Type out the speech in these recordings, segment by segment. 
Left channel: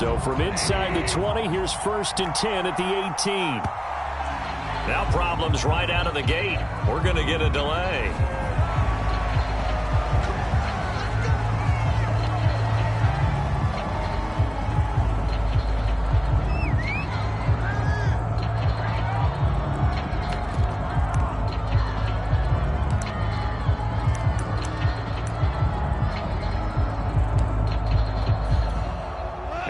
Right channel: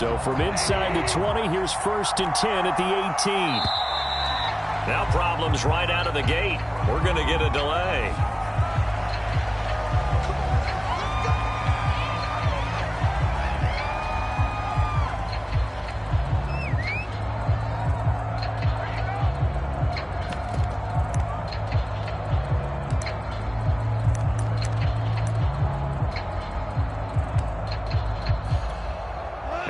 So from inside the 20, here's 1st and 10 at the 18. Now problems right out of the gate. We're going to get a delay.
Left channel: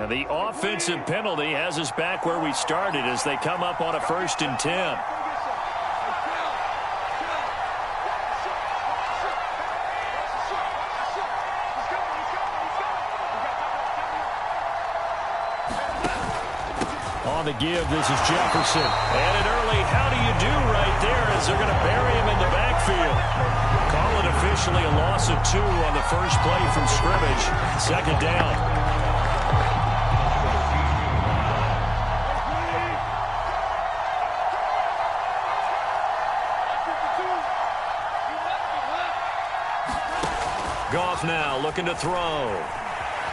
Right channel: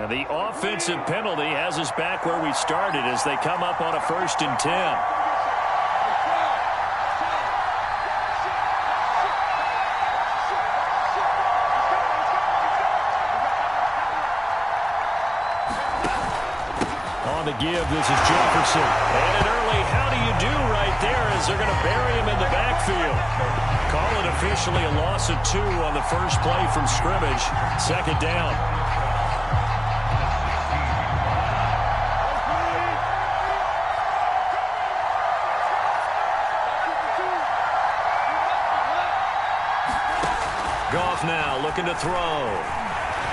And the offensive penalty has us back where we started as they come up on a 1st and 10. On the give, this is Jefferson. And an early how do you do right there as they're going to bury him in the backfield. Call it officially a loss of 2 on the first play from scrimmage. 2nd down. Goff now looking to throw.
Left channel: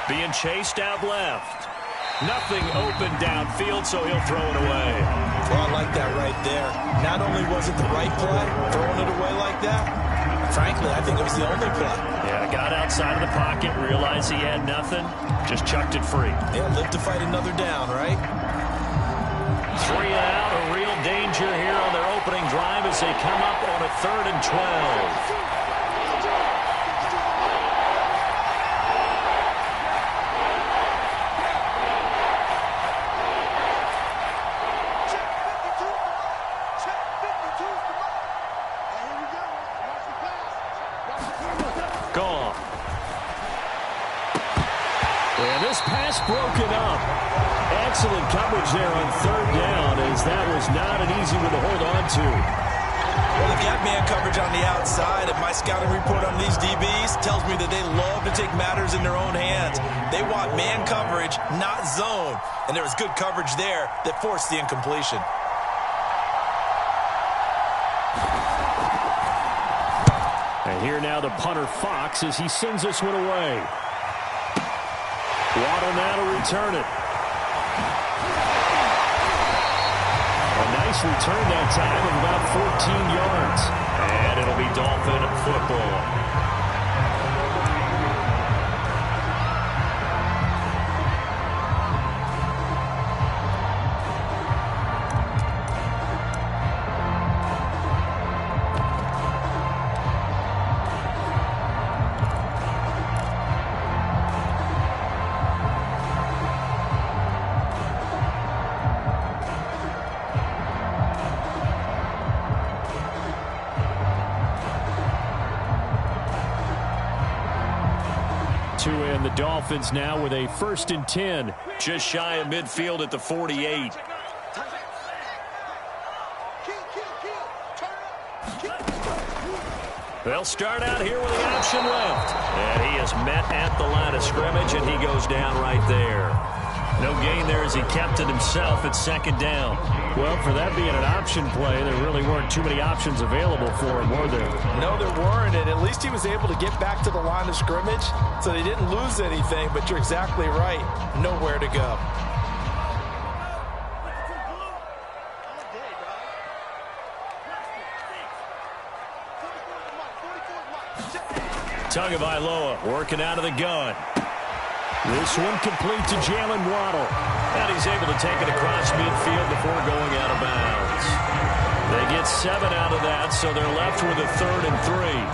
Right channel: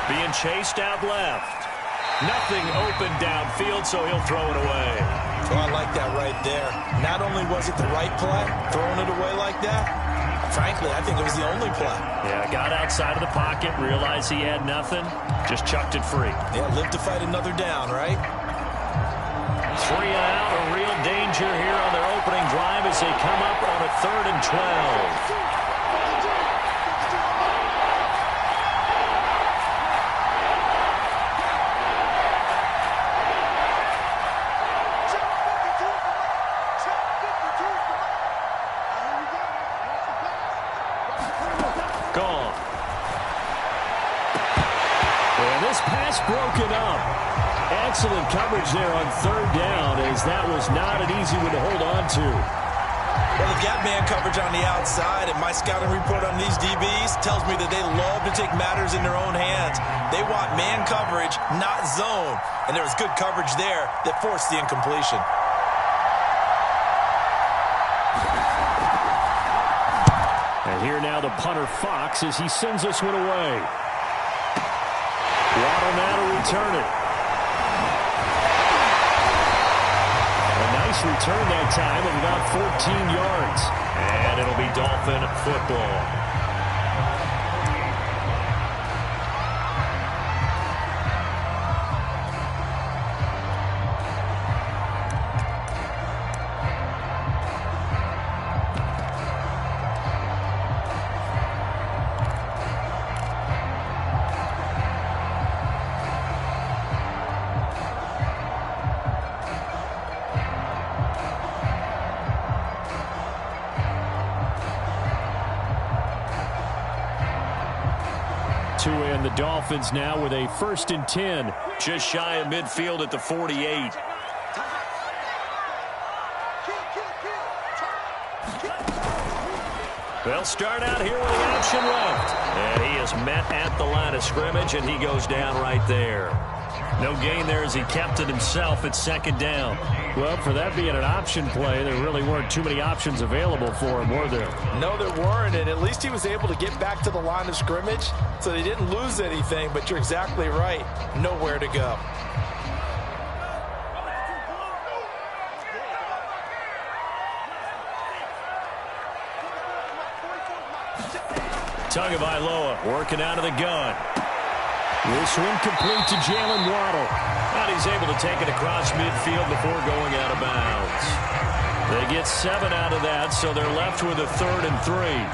Being chased out left. Nothing open downfield, so he'll throw it away. Well, I like that right there. Not only was it the right play, throwing it away like that, frankly, I think it was the only play. Yeah, got outside of the pocket, realized he had nothing, just chucked it free. Yeah, live to fight another down, right? 3 and out, a real danger here on their opening drive as they come up on a 3rd and 12. Gone. And this pass broken up. Excellent coverage there on 3rd down, as that was not an easy one to hold on to. Well, they've got man coverage on the outside, and my scouting report on these DBs tells me that they love to take matters in their own hands. They want man coverage, not zone. And there was good coverage there that forced the incompletion. And here now the punter Fox as he sends this one away. Waddle now to return it. A nice return that time of about 14 yards. And it'll be Dolphin football. And the Dolphins now with a 1st and 10, just shy of midfield at the 48. They'll start out here with the option left. And he is met at the line of scrimmage, and he goes down right there. No gain there as he kept it himself at 2nd down. Well, for that being an option play, there really weren't too many options available for him, were there? No, there weren't, and at least he was able to get back to the line of scrimmage, so they didn't lose anything, but you're exactly right. Nowhere to go. Tagovailoa working out of the gun. This one complete to Jalen Waddle. And he's able to take it across midfield before going out of bounds. They get 7 out of that, so they're left with a 3rd and 3.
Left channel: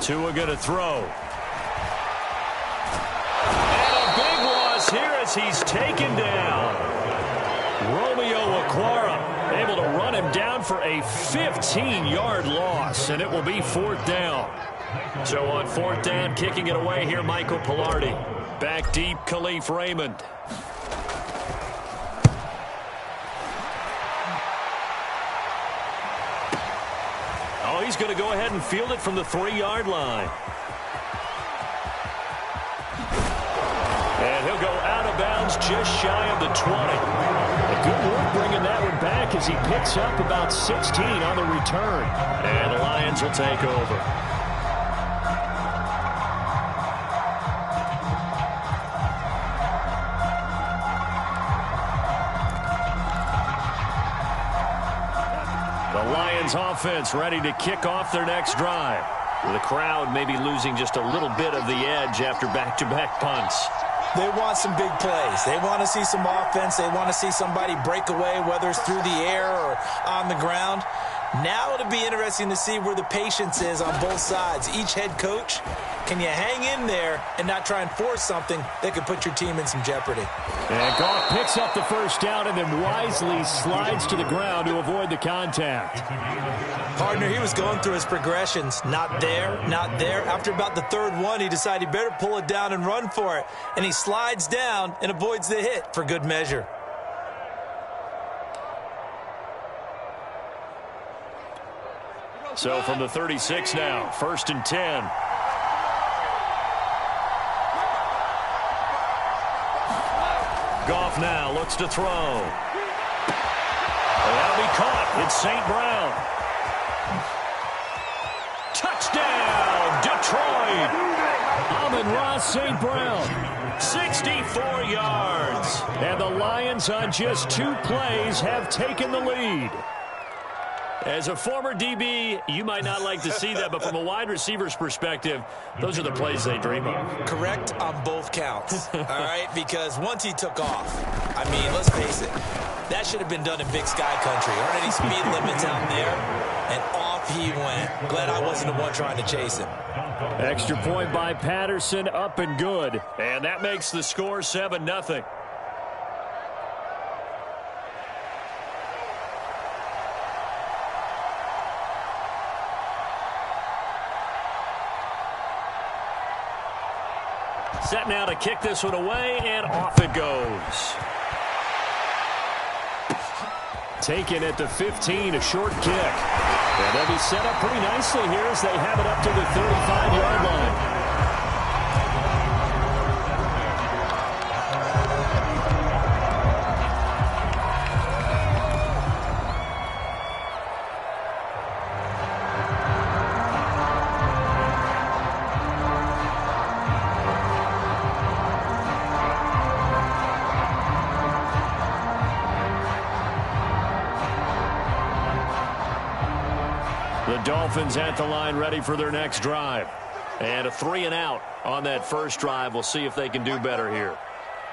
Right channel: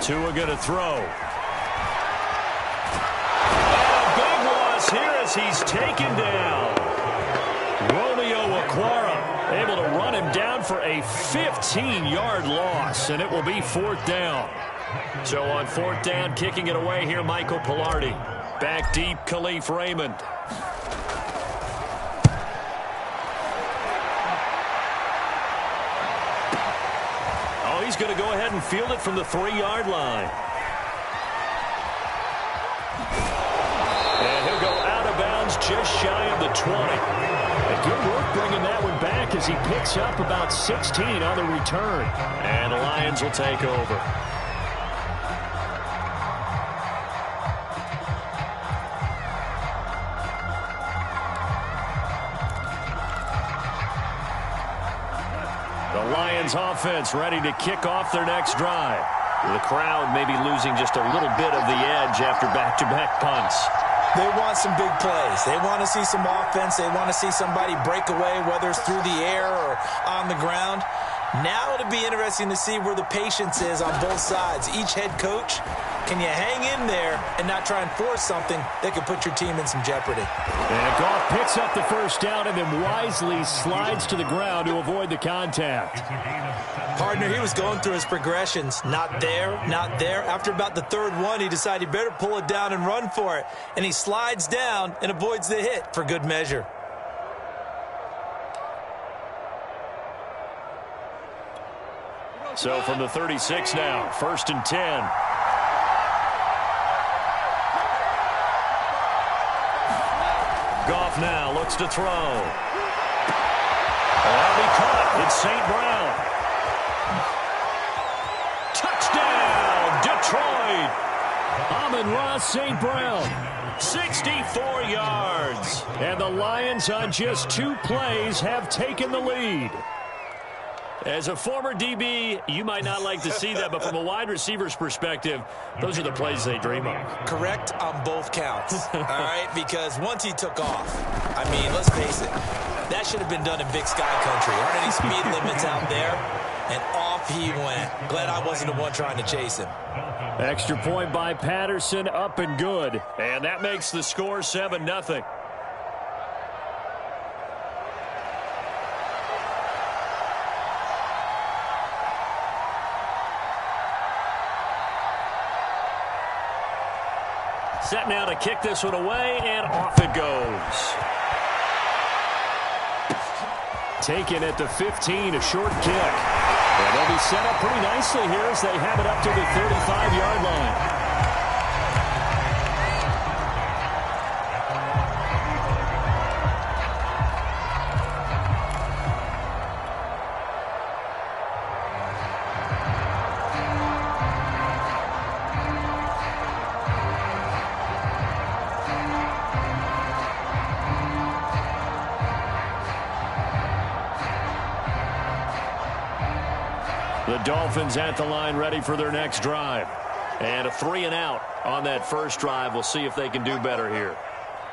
Tua going to throw. And a big loss here as he's taken down. Romeo Okwara able to run him down for a 15-yard loss, and it will be 4th down. So on 4th down, kicking it away here, Michael Pilardi. Back deep, Khalif Raymond. Oh, he's going to go ahead and field it from the 3-yard line. And he'll go out of bounds just shy of the 20. And good work bringing that one back as he picks up about 16 on the return. And the Lions will take over. The Lions offense ready to kick off their next drive. The crowd may be losing just a little bit of the edge after back-to-back punts. They want some big plays. They want to see some offense. They want to see somebody break away, whether it's through the air or on the ground. Now it'll be interesting to see where the patience is on both sides. Each head coach, can you hang in there and not try and force something that could put your team in some jeopardy? And Goff picks up the first down and then wisely slides to the ground to avoid the contact. Partner, he was going through his progressions. Not there, not there. After about the third one, he decided he better pull it down and run for it. And he slides down and avoids the hit for good measure. So from the 36 now, 1st and 10. Goff now looks to throw. That'll be caught. It's St. Brown. Touchdown, Detroit. Amon-Ra St. Brown. 64 yards. And the Lions on just 2 plays have taken the lead. As a former DB, you might not like to see that, but from a wide receiver's perspective, those are the plays they dream of. Correct on both counts, all right? Because once he took off, I mean, let's face it, that should have been done in Big Sky Country. Aren't any speed limits out there? And off he went. Glad I wasn't the one trying to chase him. Extra point by Patterson, up and good. And that makes the score 7-0. Set now to kick this one away, and off it goes. Taken at the 15, a short kick. And they'll be set up pretty nicely here as they have it up to the 35-yard line. The Dolphins at the line ready for their next drive. And a 3-and-out on that first drive. We'll see if they can do better here.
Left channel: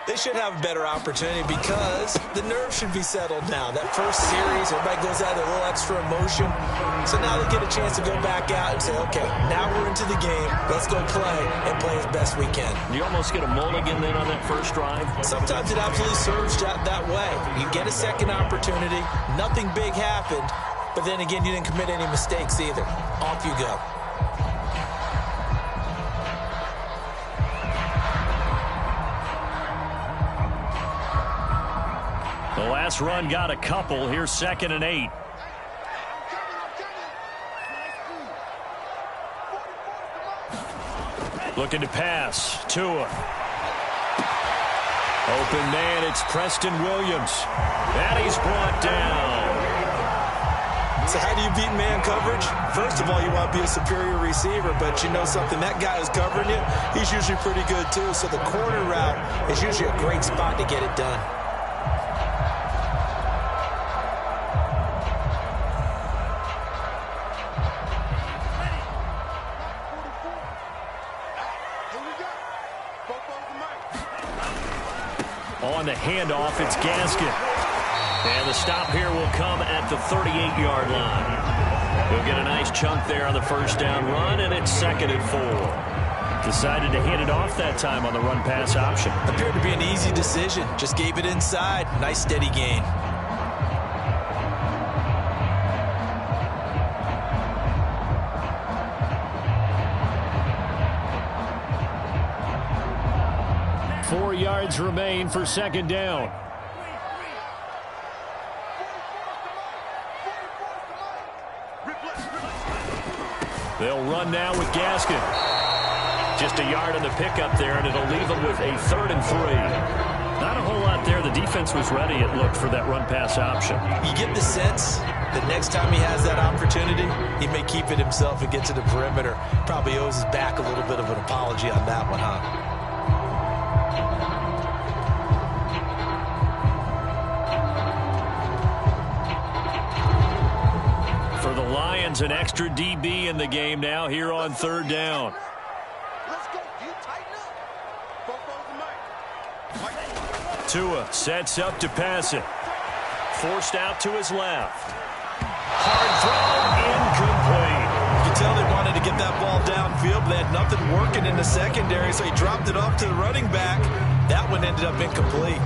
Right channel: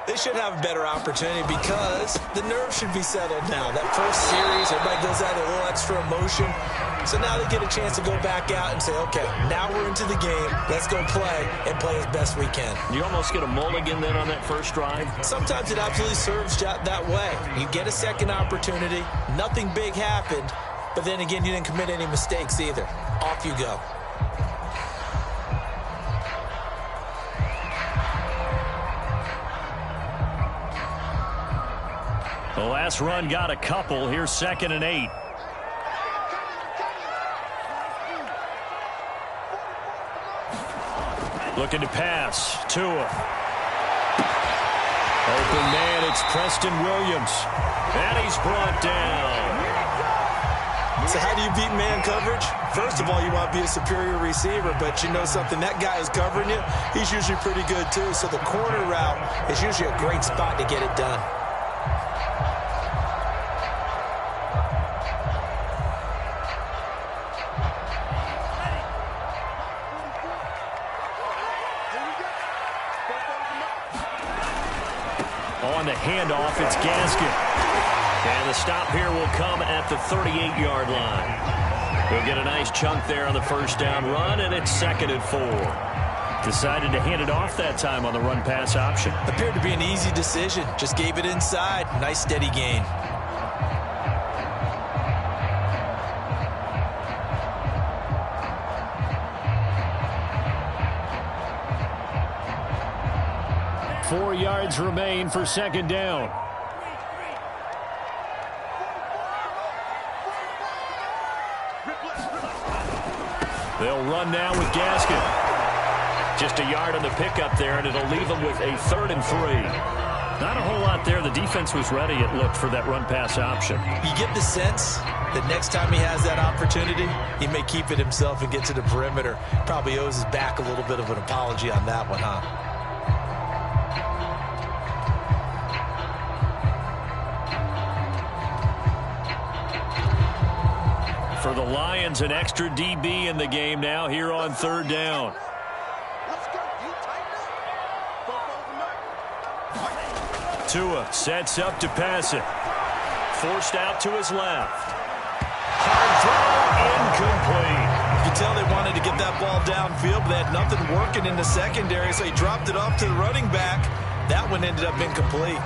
They should have a better opportunity because the nerves should be settled now. That first series, everybody goes out with a little extra emotion. So now they get a chance to go back out and say, okay, now we're into the game. Let's go play and play as best we can. You almost get a mulligan then on that first drive? Sometimes it absolutely serves that way. You get a second opportunity. Nothing big happened. But then again, you didn't commit any mistakes either. Off you go. The last run got a couple. Here's 2nd and 8. Looking to pass. Tua. Open man, it's Preston Williams. And he's brought down. So how do you beat man coverage? First of all, you want to be a superior receiver, but you know something, that guy who's covering you, he's usually pretty good too. So the corner route is usually a great spot to get it done. On the handoff, it's Gaskin. And the stop here will come at the 38-yard line. He'll get a nice chunk there on the first down run, and it's 2nd and 4. Decided to hand it off that time on the run-pass option. Appeared to be an easy decision. Just gave it inside. Nice steady gain. Four yards remain for 2nd down. They'll run now with Gaskin. Just a yard on the pickup there, and it'll leave them with a 3rd and 3. Not a whole lot there. The defense was ready, it looked, for that run-pass option. You get the sense that next time he has that opportunity, he may keep it himself and get to the perimeter. Probably owes his back a little bit of an apology on that one, huh? For the Lions, an extra DB in the game now here on 3rd down. Let's go. You tighten up. Tua sets up to pass it. Forced out to his left. Hard throw, incomplete. You can tell they wanted to get that ball downfield, but they had nothing working in the secondary, so he dropped it off to the running back. That one ended up incomplete.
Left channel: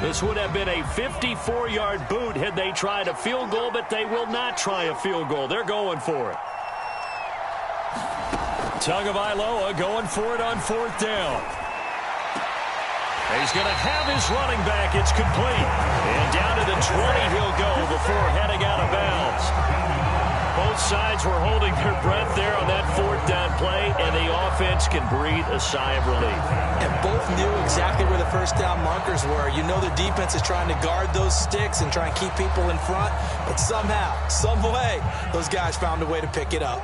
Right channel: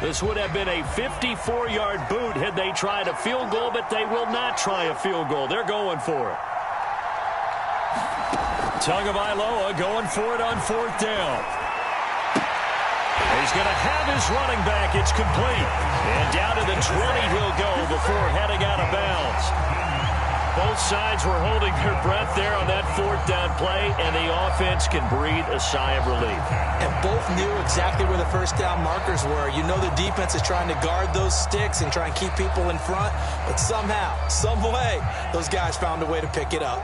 This would have been a 54-yard boot had they tried a field goal, but they will not try a field goal. They're going for it. Tagovailoa going for it on 4th down. He's going to have his running back. It's complete. And down to the 20 he'll go before heading out of bounds. Both sides were holding their breath there on that 4th down play, and the offense can breathe a sigh of relief. And both knew exactly where the 1st down markers were. You know the defense is trying to guard those sticks and try and keep people in front, but somehow, some way, those guys found a way to pick it up.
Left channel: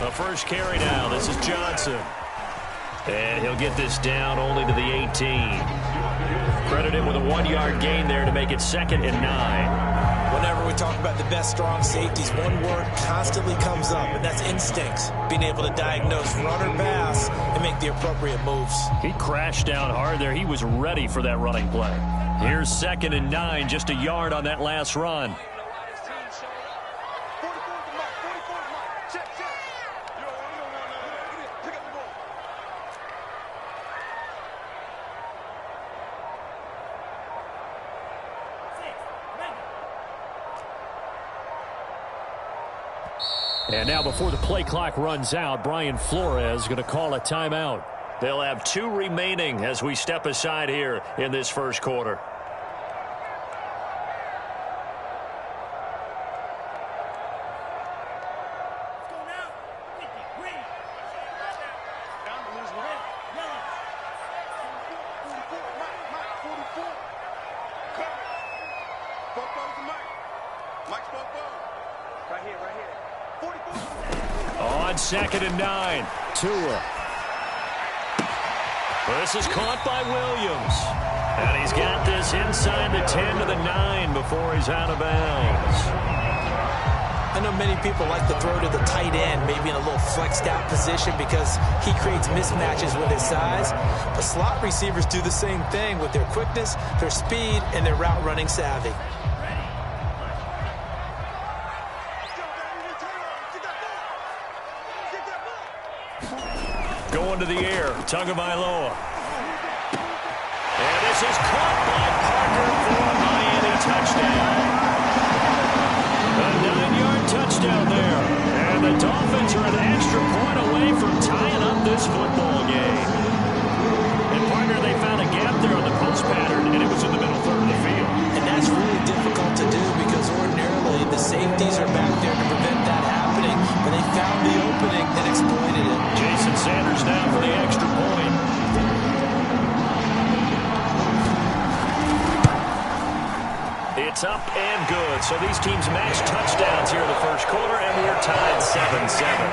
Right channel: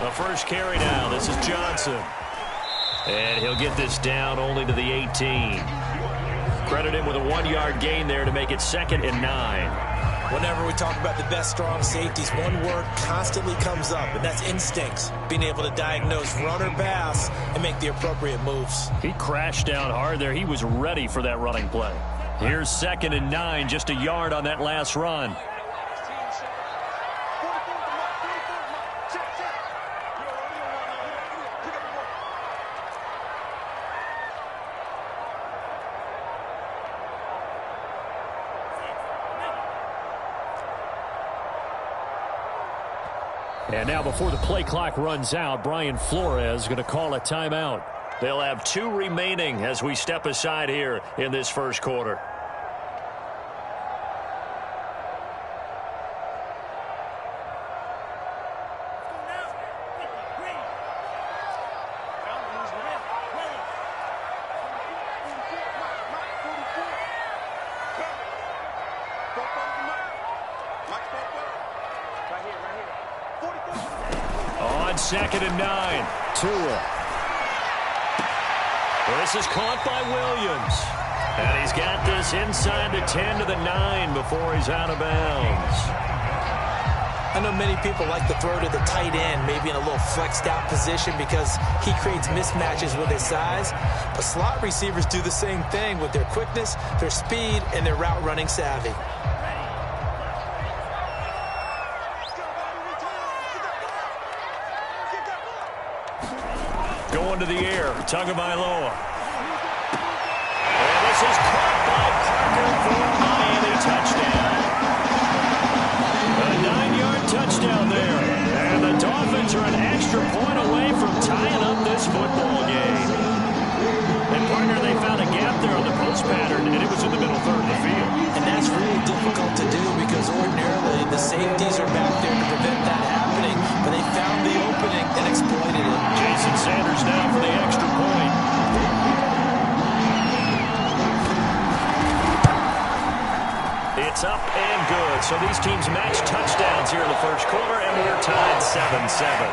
A first carry now. This is Johnson. And he'll get this down only to the 18. Credit him with a 1-yard gain there to make it 2nd and 9. Whenever we talk about the best strong safeties, one word constantly comes up, and that's instincts. Being able to diagnose run or pass and make the appropriate moves. He crashed down hard there. He was ready for that running play. Here's 2nd and 9, just a yard on that last run. And now before the play clock runs out, Brian Flores is going to call a timeout. They'll have 2 remaining as we step aside here in this first quarter. On 2nd and 9, Tua. This is caught by Williams. And he's got this inside the 10 to the 9 before he's out of bounds. I know many people like to throw to the tight end, maybe in a little flexed out position because he creates mismatches with his size. But slot receivers do the same thing with their quickness, their speed, and their route running savvy. Going to the air, Tagovailoa. And this is caught by Parker for a Miami touchdown. A 9-yard touchdown there. And the Dolphins are an extra point away from tying up this football game. And, partner, they found a gap there on the post pattern, and it was in the middle third of the field. And that's really difficult to do because ordinarily the safeties are back there to prevent that happening. But they found the opening and exploited it. Jason Sanders now for the extra point. It's up and good. So these teams match touchdowns here in the first quarter, and we're tied 7-7.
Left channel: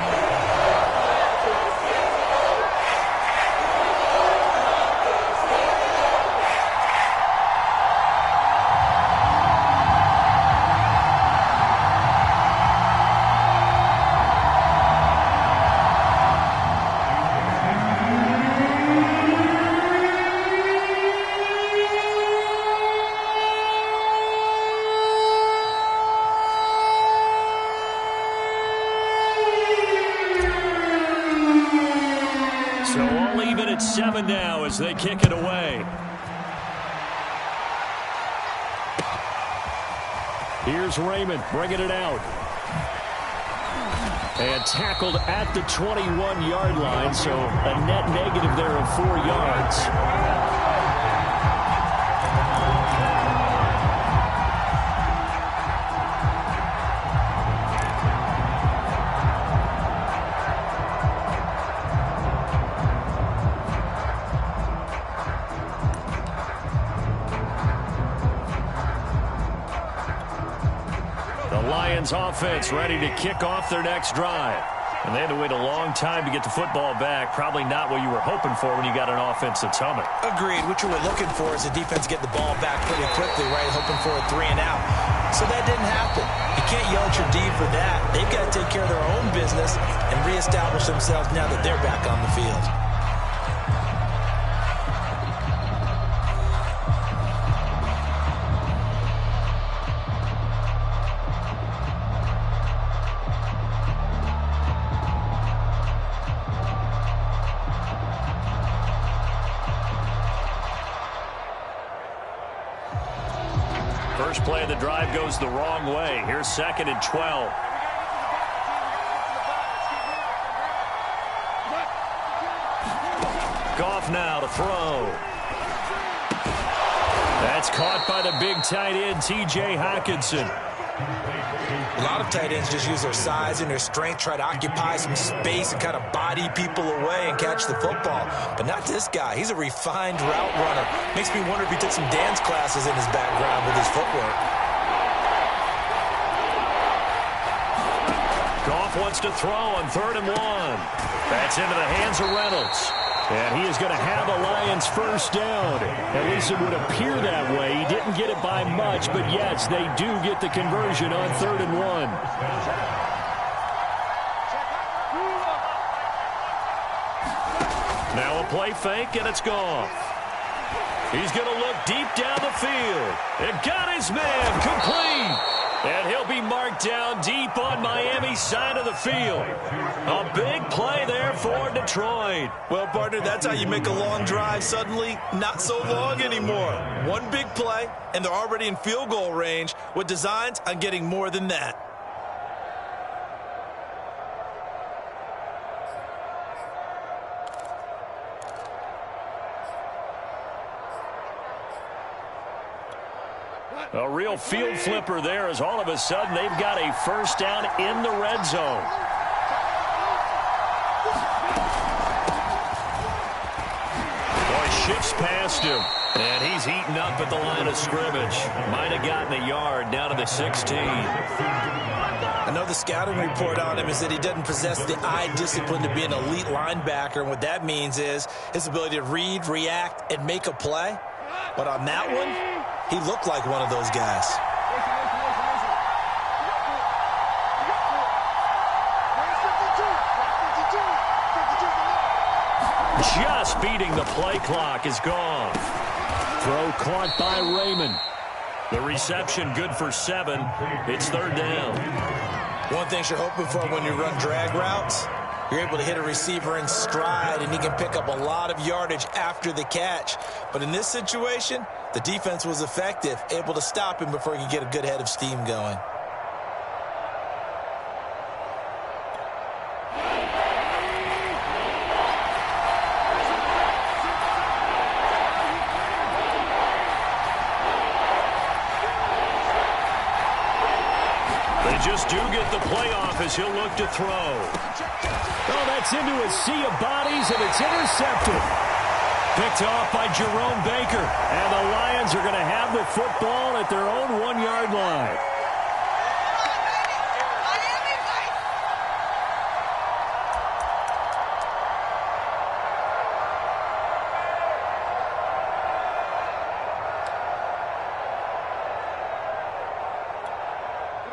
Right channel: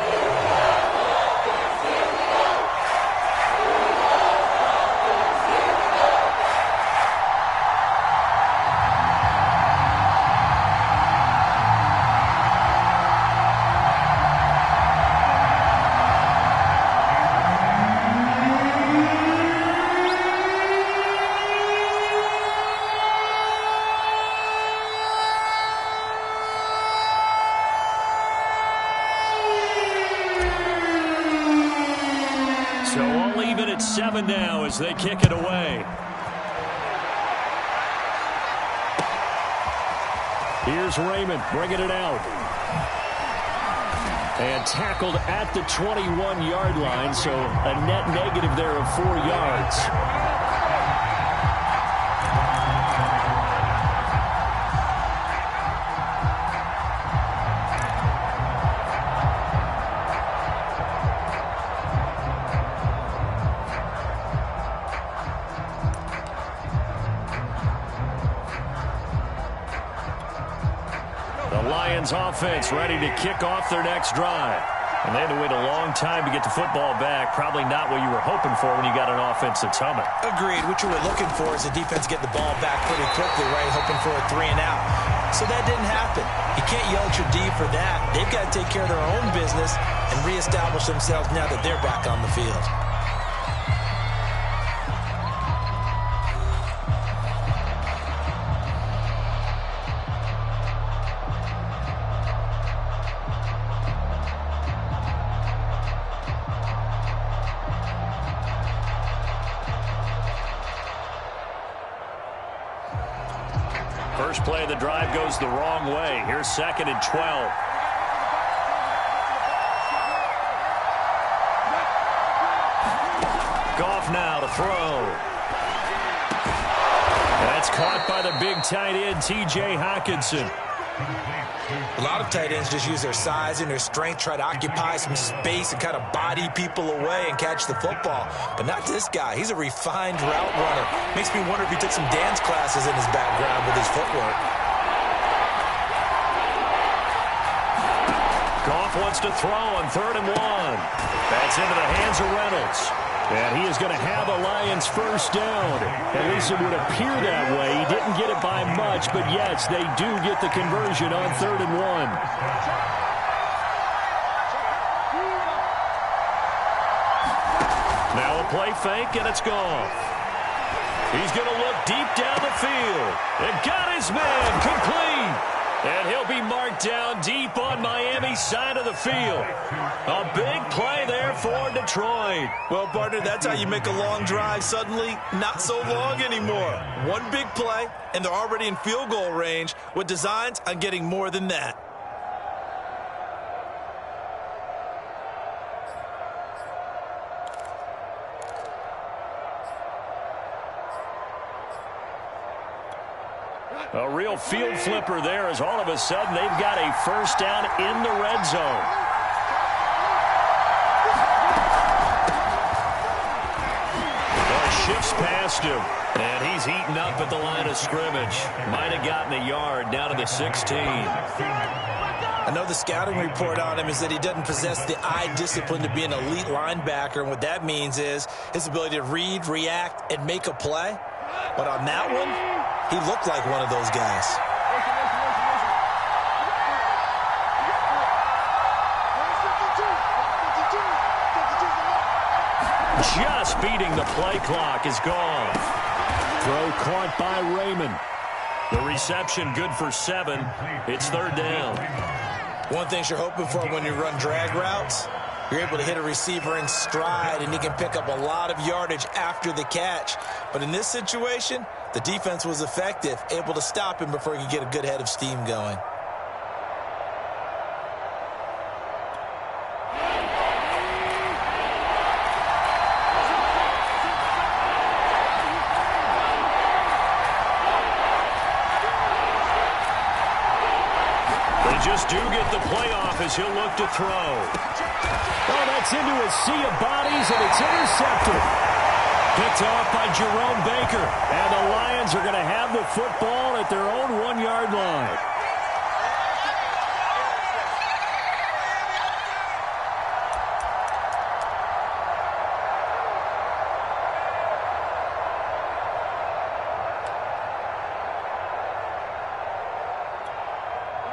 So all even at 7 now as they kick it away. Here's Raymond bringing it out. And tackled at the 21-yard line, so a net negative there of 4 yards. Offense ready to kick off their next drive. And they had to wait a long time to get the football back. Probably not what you were hoping for when you got an offense that's humming. Agreed. What you were looking for is the defense get the ball back pretty quickly, right? Hoping for a 3 and out. So that didn't happen. You can't yell at your D for that. They've got to take care of their own business and reestablish themselves now that they're back on the field. First play of the drive goes the wrong way. Here's 2nd and 12. Goff now to throw. That's caught by the big tight end, T.J. Hockenson. A lot of tight ends just use their size and their strength, try to occupy some space and kind of body people away and catch the football. But not this guy. He's a refined route runner. Makes me wonder if he took some dance classes in his background with his footwork. Goff wants to throw on 3rd and 1. That's into the hands of Reynolds. And he is going to have a Lions first down. At least it would appear that way. He didn't get it by much, but yes, they do get the conversion on 3rd and 1. Now a play fake, and it's Goff. He's going to look deep down the field. And got his man complete. And he'll be marked down deep on Miami's side of the field. A big play there for Detroit. Well, partner, that's how you make a long drive suddenly not so long anymore. One big play, and they're already in field goal range with designs on getting more than that. A real field flipper there as all of a sudden they've got a first down in the red zone. Boy, shifts past him. And he's heating up at the line of scrimmage. Might have gotten a yard down to the 16. I know the scouting report on him is that he doesn't possess the eye discipline to be an elite linebacker. And what that means is his ability to read, react, and make a play. But on that one, he looked like one of those guys. Just beating the play clock is gone. Throw caught by Raymond. The reception good for 7. It's 3rd down. One thing you're hoping for when you run drag routes, you're able to hit a receiver in stride, and he can pick up a lot of yardage after the catch. But in this situation, the defense was effective, able to stop him before he could get a good head of steam going. They just do get the playoff as he'll look to throw. Oh, that's into a sea of bodies, and it's intercepted. Picked off by Jerome Baker. And the Lions are going to have the football at their own 1-yard line.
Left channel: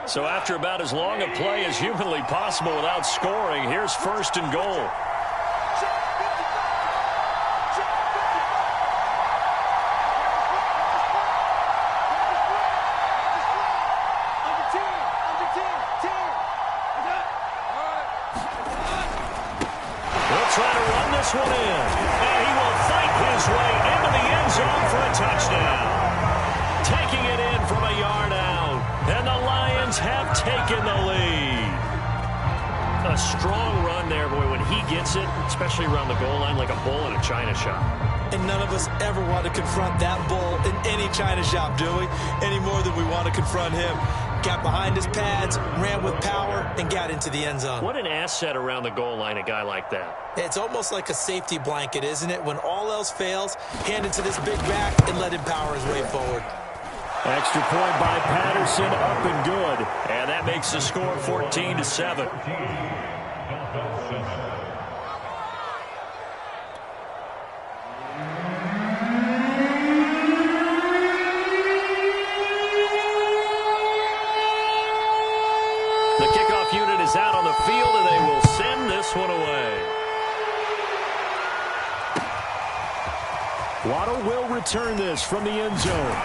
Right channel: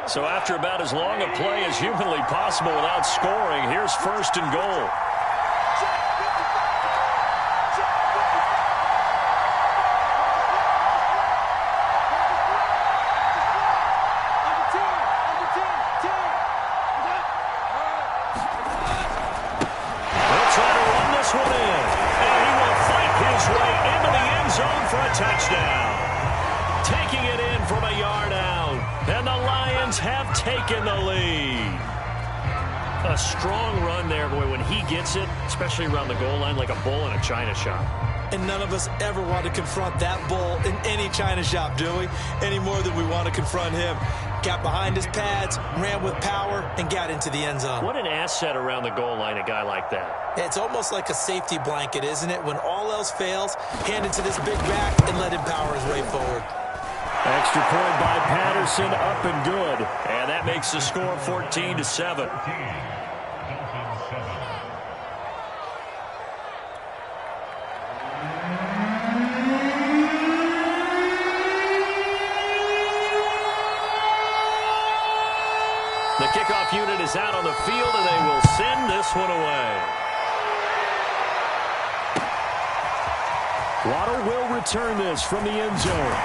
So after about as long a play as humanly possible without scoring, here's 1st and goal. They'll try to run this one in. And he will fight his way into the end zone for a touchdown. Taking it in from a yard out. And the Lions have taken the lead. A strong run there, boy, when he gets it, especially around the goal line, like a bull in a china shop. And none of us ever want to confront that bull in any china shop, do we? Any more than we want to confront him. Got behind his pads, ran with power, and got into the end zone. What an asset around the goal line, a guy like that. It's almost like a safety blanket, isn't it? When all else fails, hand it to this big back and let him power his way forward. Extra point by Patterson, up and good. And that makes the score 14-7. The kickoff unit is out on the field, and they will send this one away. Waddle will return this from the end zone.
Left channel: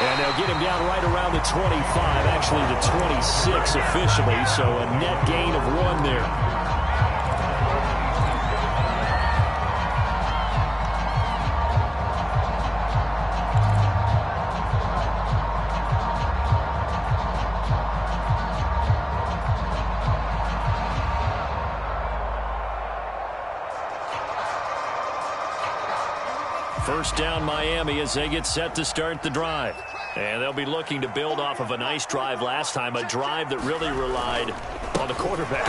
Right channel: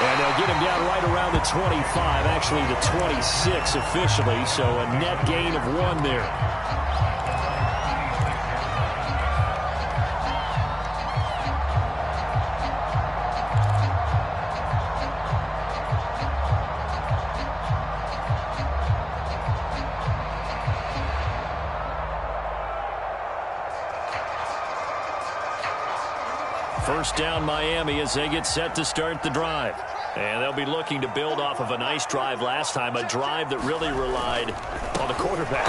And they'll get him down right around the 25, actually the 26 officially, so a net gain of 1 there. First down Miami as they get set to start the drive. And they'll be looking to build off of a nice drive last time, a drive that really relied on the quarterback.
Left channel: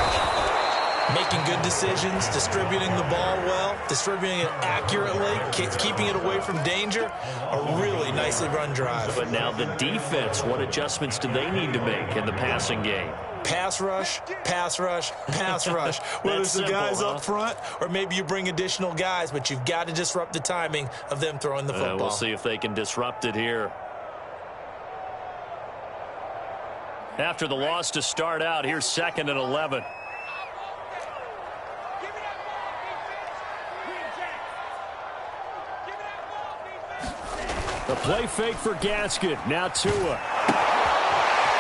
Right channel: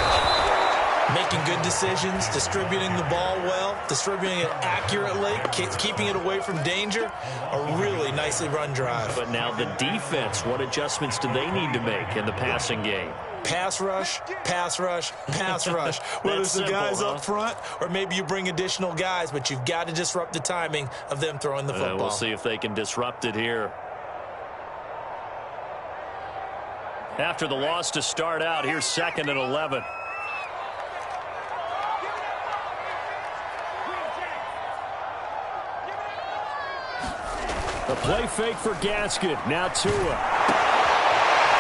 Making good decisions, distributing the ball well, distributing it accurately, keeping it away from danger. A really nicely run drive. But now the defense, what adjustments do they need to make in the passing game? Pass rush, pass rush, pass rush. Whether it's the guys up front or maybe you bring additional guys, but you've got to disrupt the timing of them throwing the football. We'll see if they can disrupt it here. After the loss to start out, here's 2nd and 11. The play fake for Gaskin. Now Tua.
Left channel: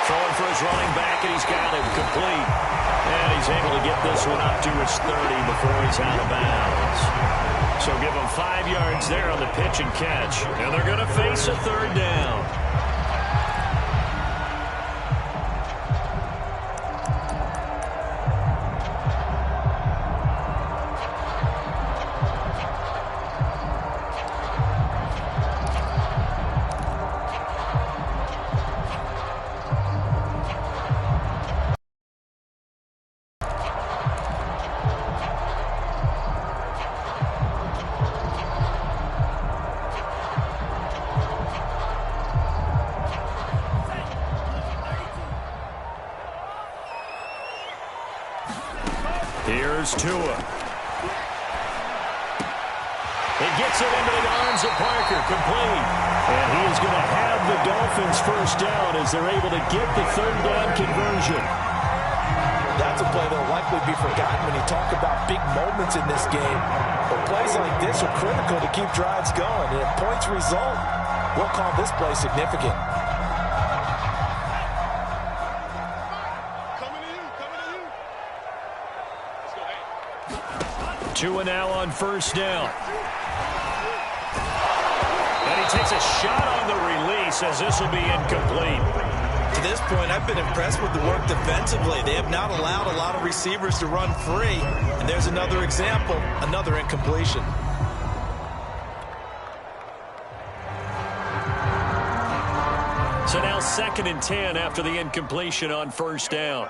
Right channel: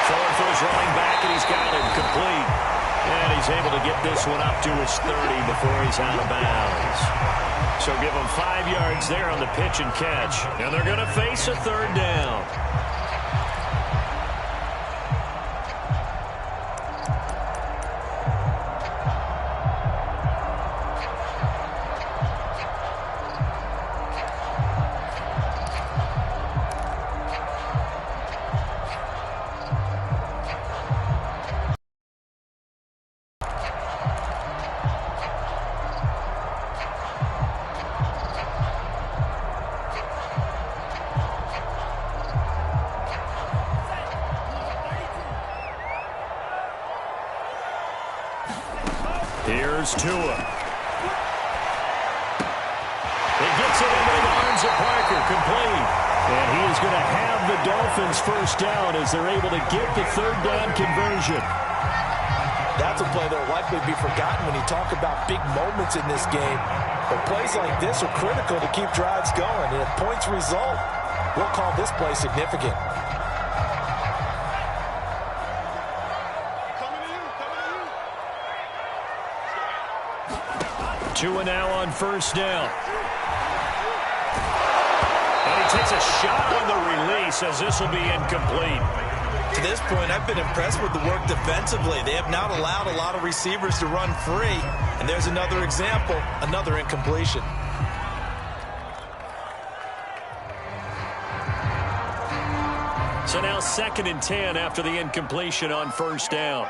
Throwing for his running back, and he's got him complete. And he's able to get this one up to his 30 before he's out of bounds. So give him 5 yards there on the pitch and catch. And they're going to face a 3rd down. Here's Tua. He gets it into the arms of Parker, complete. And he is going to have the Dolphins first down as they're able to get the 3rd down conversion. That's a play that will likely be forgotten when you talk about big moments in this game. But plays like this are critical to keep drives going. And if points result, we'll call this play significant. Tua now on 1st down. And he takes a shot on the release as this will be incomplete. To this point, I've been impressed with the work defensively. They have not allowed a lot of receivers to run free. And there's another example, another incompletion. So now 2nd and 10 after the incompletion on 1st down.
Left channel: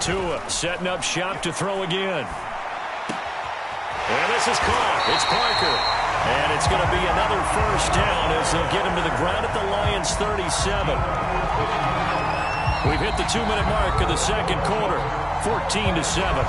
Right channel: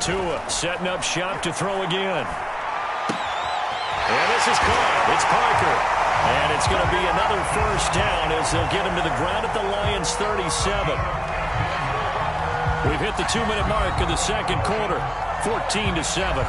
Tua setting up shop to throw again. And this is caught. It's Parker. And it's going to be another 1st down as they'll get him to the ground at the Lions' 37. We've hit the 2-minute mark of the 2nd quarter. 14-7.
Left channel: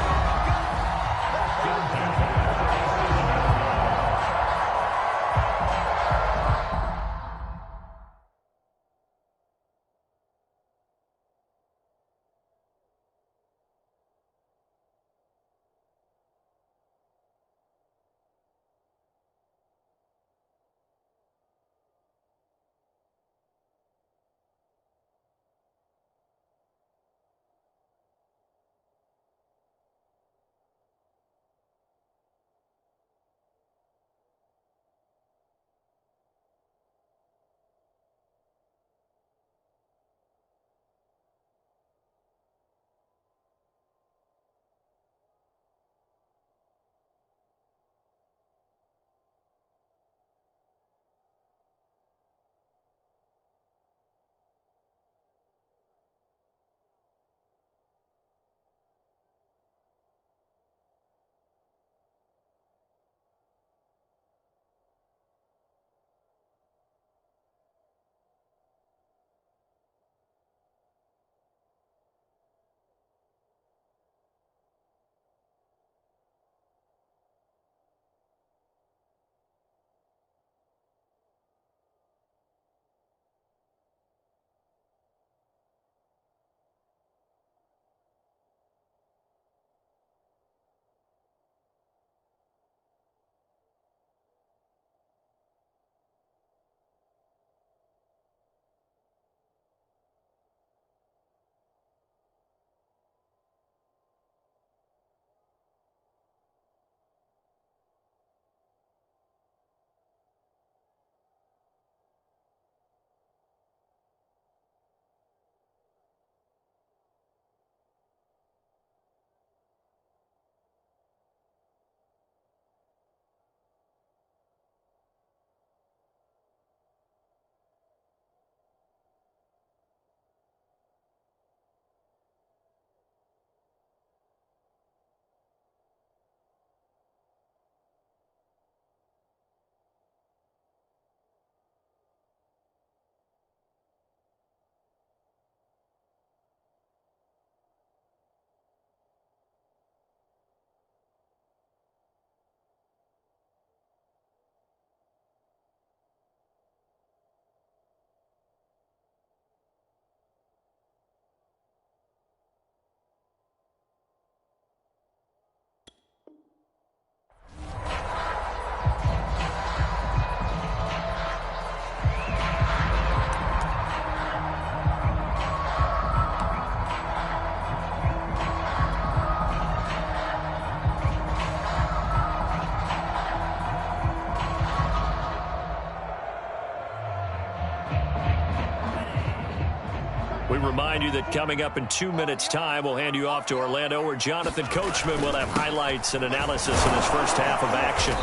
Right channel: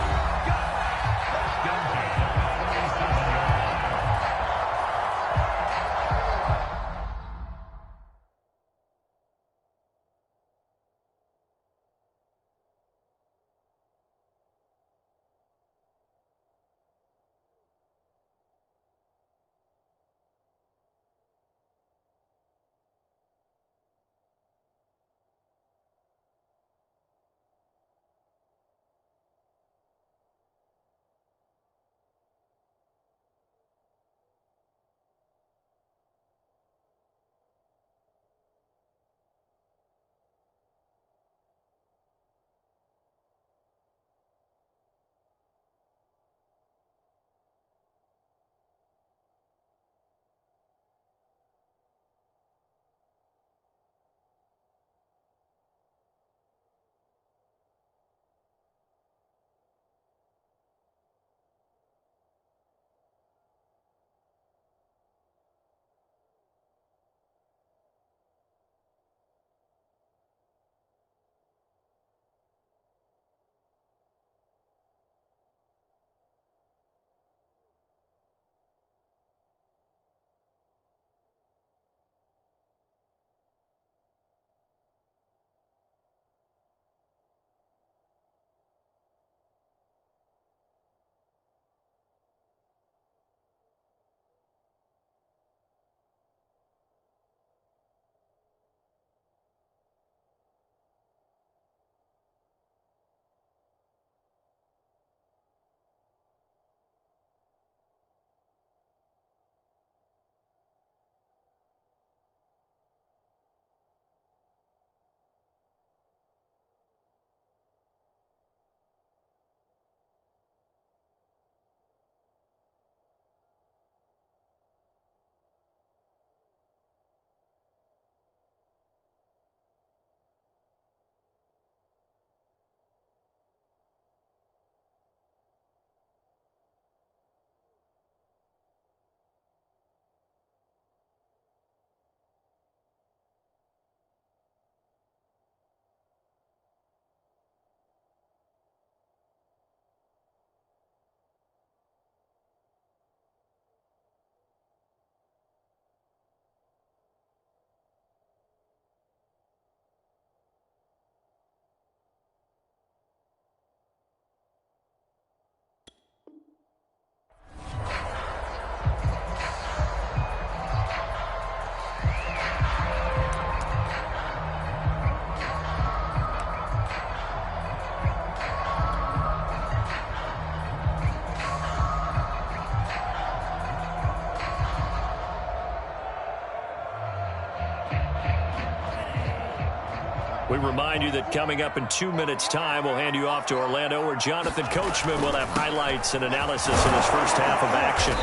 We remind you that coming up in 2 minutes' time, we'll hand you off to Orlando, where Jonathan Coachman will have highlights and analysis in his first half of action.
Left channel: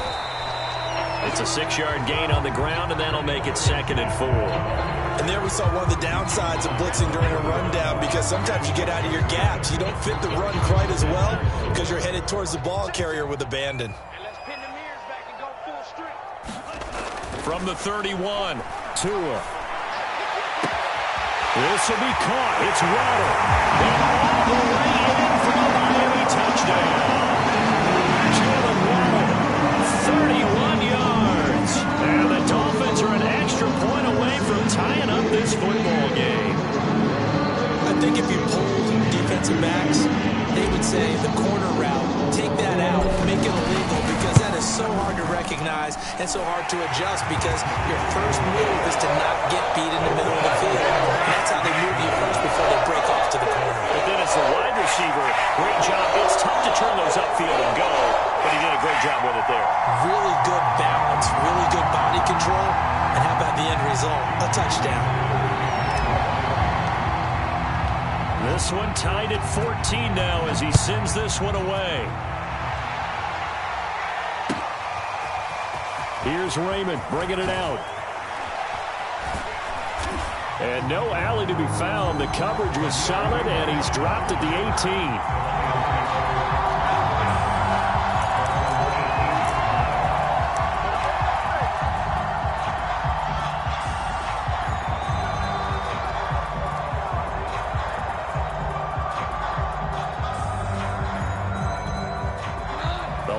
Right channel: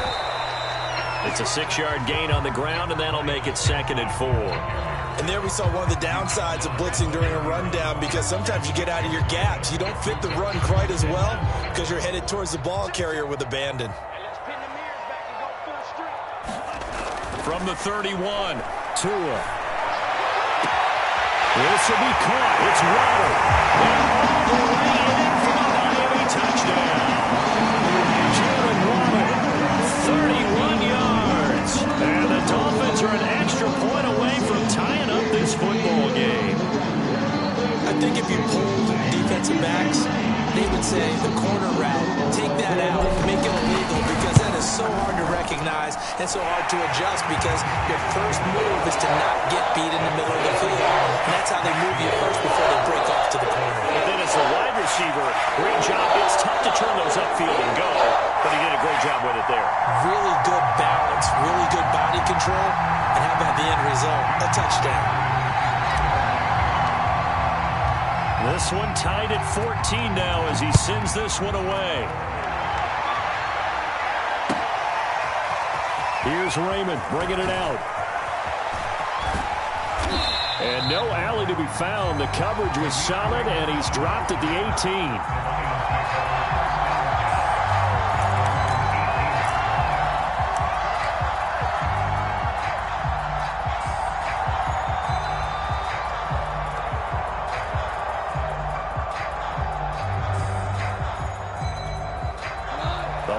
It's a 6-yard gain on the ground, and that'll make it 2nd and 4. And there we saw one of the downsides of blitzing during a rundown, because sometimes you get out of your gaps. You don't fit the run quite as well because you're headed towards the ball carrier with abandon. And let's pin the mirrors back and go full strength. From the 31, Tua. This will be caught. It's Waddle. And all the way in for a Miami touchdown. Jalen Waddle, 31 yards. And the Dolphins are an extra point away from tying up this football game. I think if you polled defensive backs, they would say the corner route, take that out, make it illegal, because that is so hard to recognize and so hard to adjust, because your first move is to not get beat in the middle of the field. And that's how they move you first before they break off to the corner. But then as a wide receiver, great job. It's tough to turn those upfield and go, but he did a great job with it there. Really good balance, really good body control, and how about the end result? A touchdown. This one tied at 14 now as he sends this one away. Here's Raymond bringing it out. And no alley to be found. The coverage was solid, and he's dropped at the 18.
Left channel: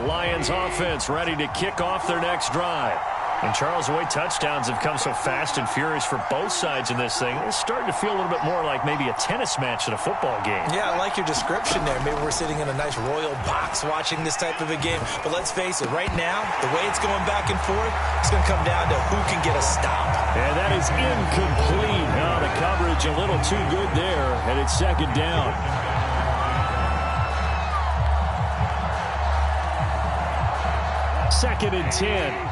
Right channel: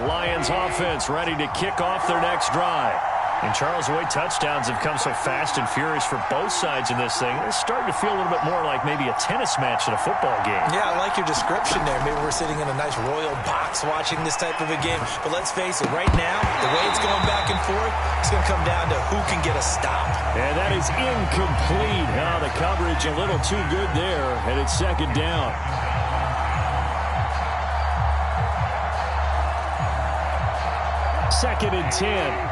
Lions offense ready to kick off their next drive. And Charles, the way touchdowns have come so fast and furious for both sides in this thing, it's starting to feel a little bit more like maybe a tennis match than a football game. Yeah, I like your description there. Maybe we're sitting in a nice royal box watching this type of a game. But let's face it, right now, the way it's going back and forth, it's going to come down to who can get a stop. And that is incomplete. Now the coverage a little too good there, and it's 2nd down. Second and 10.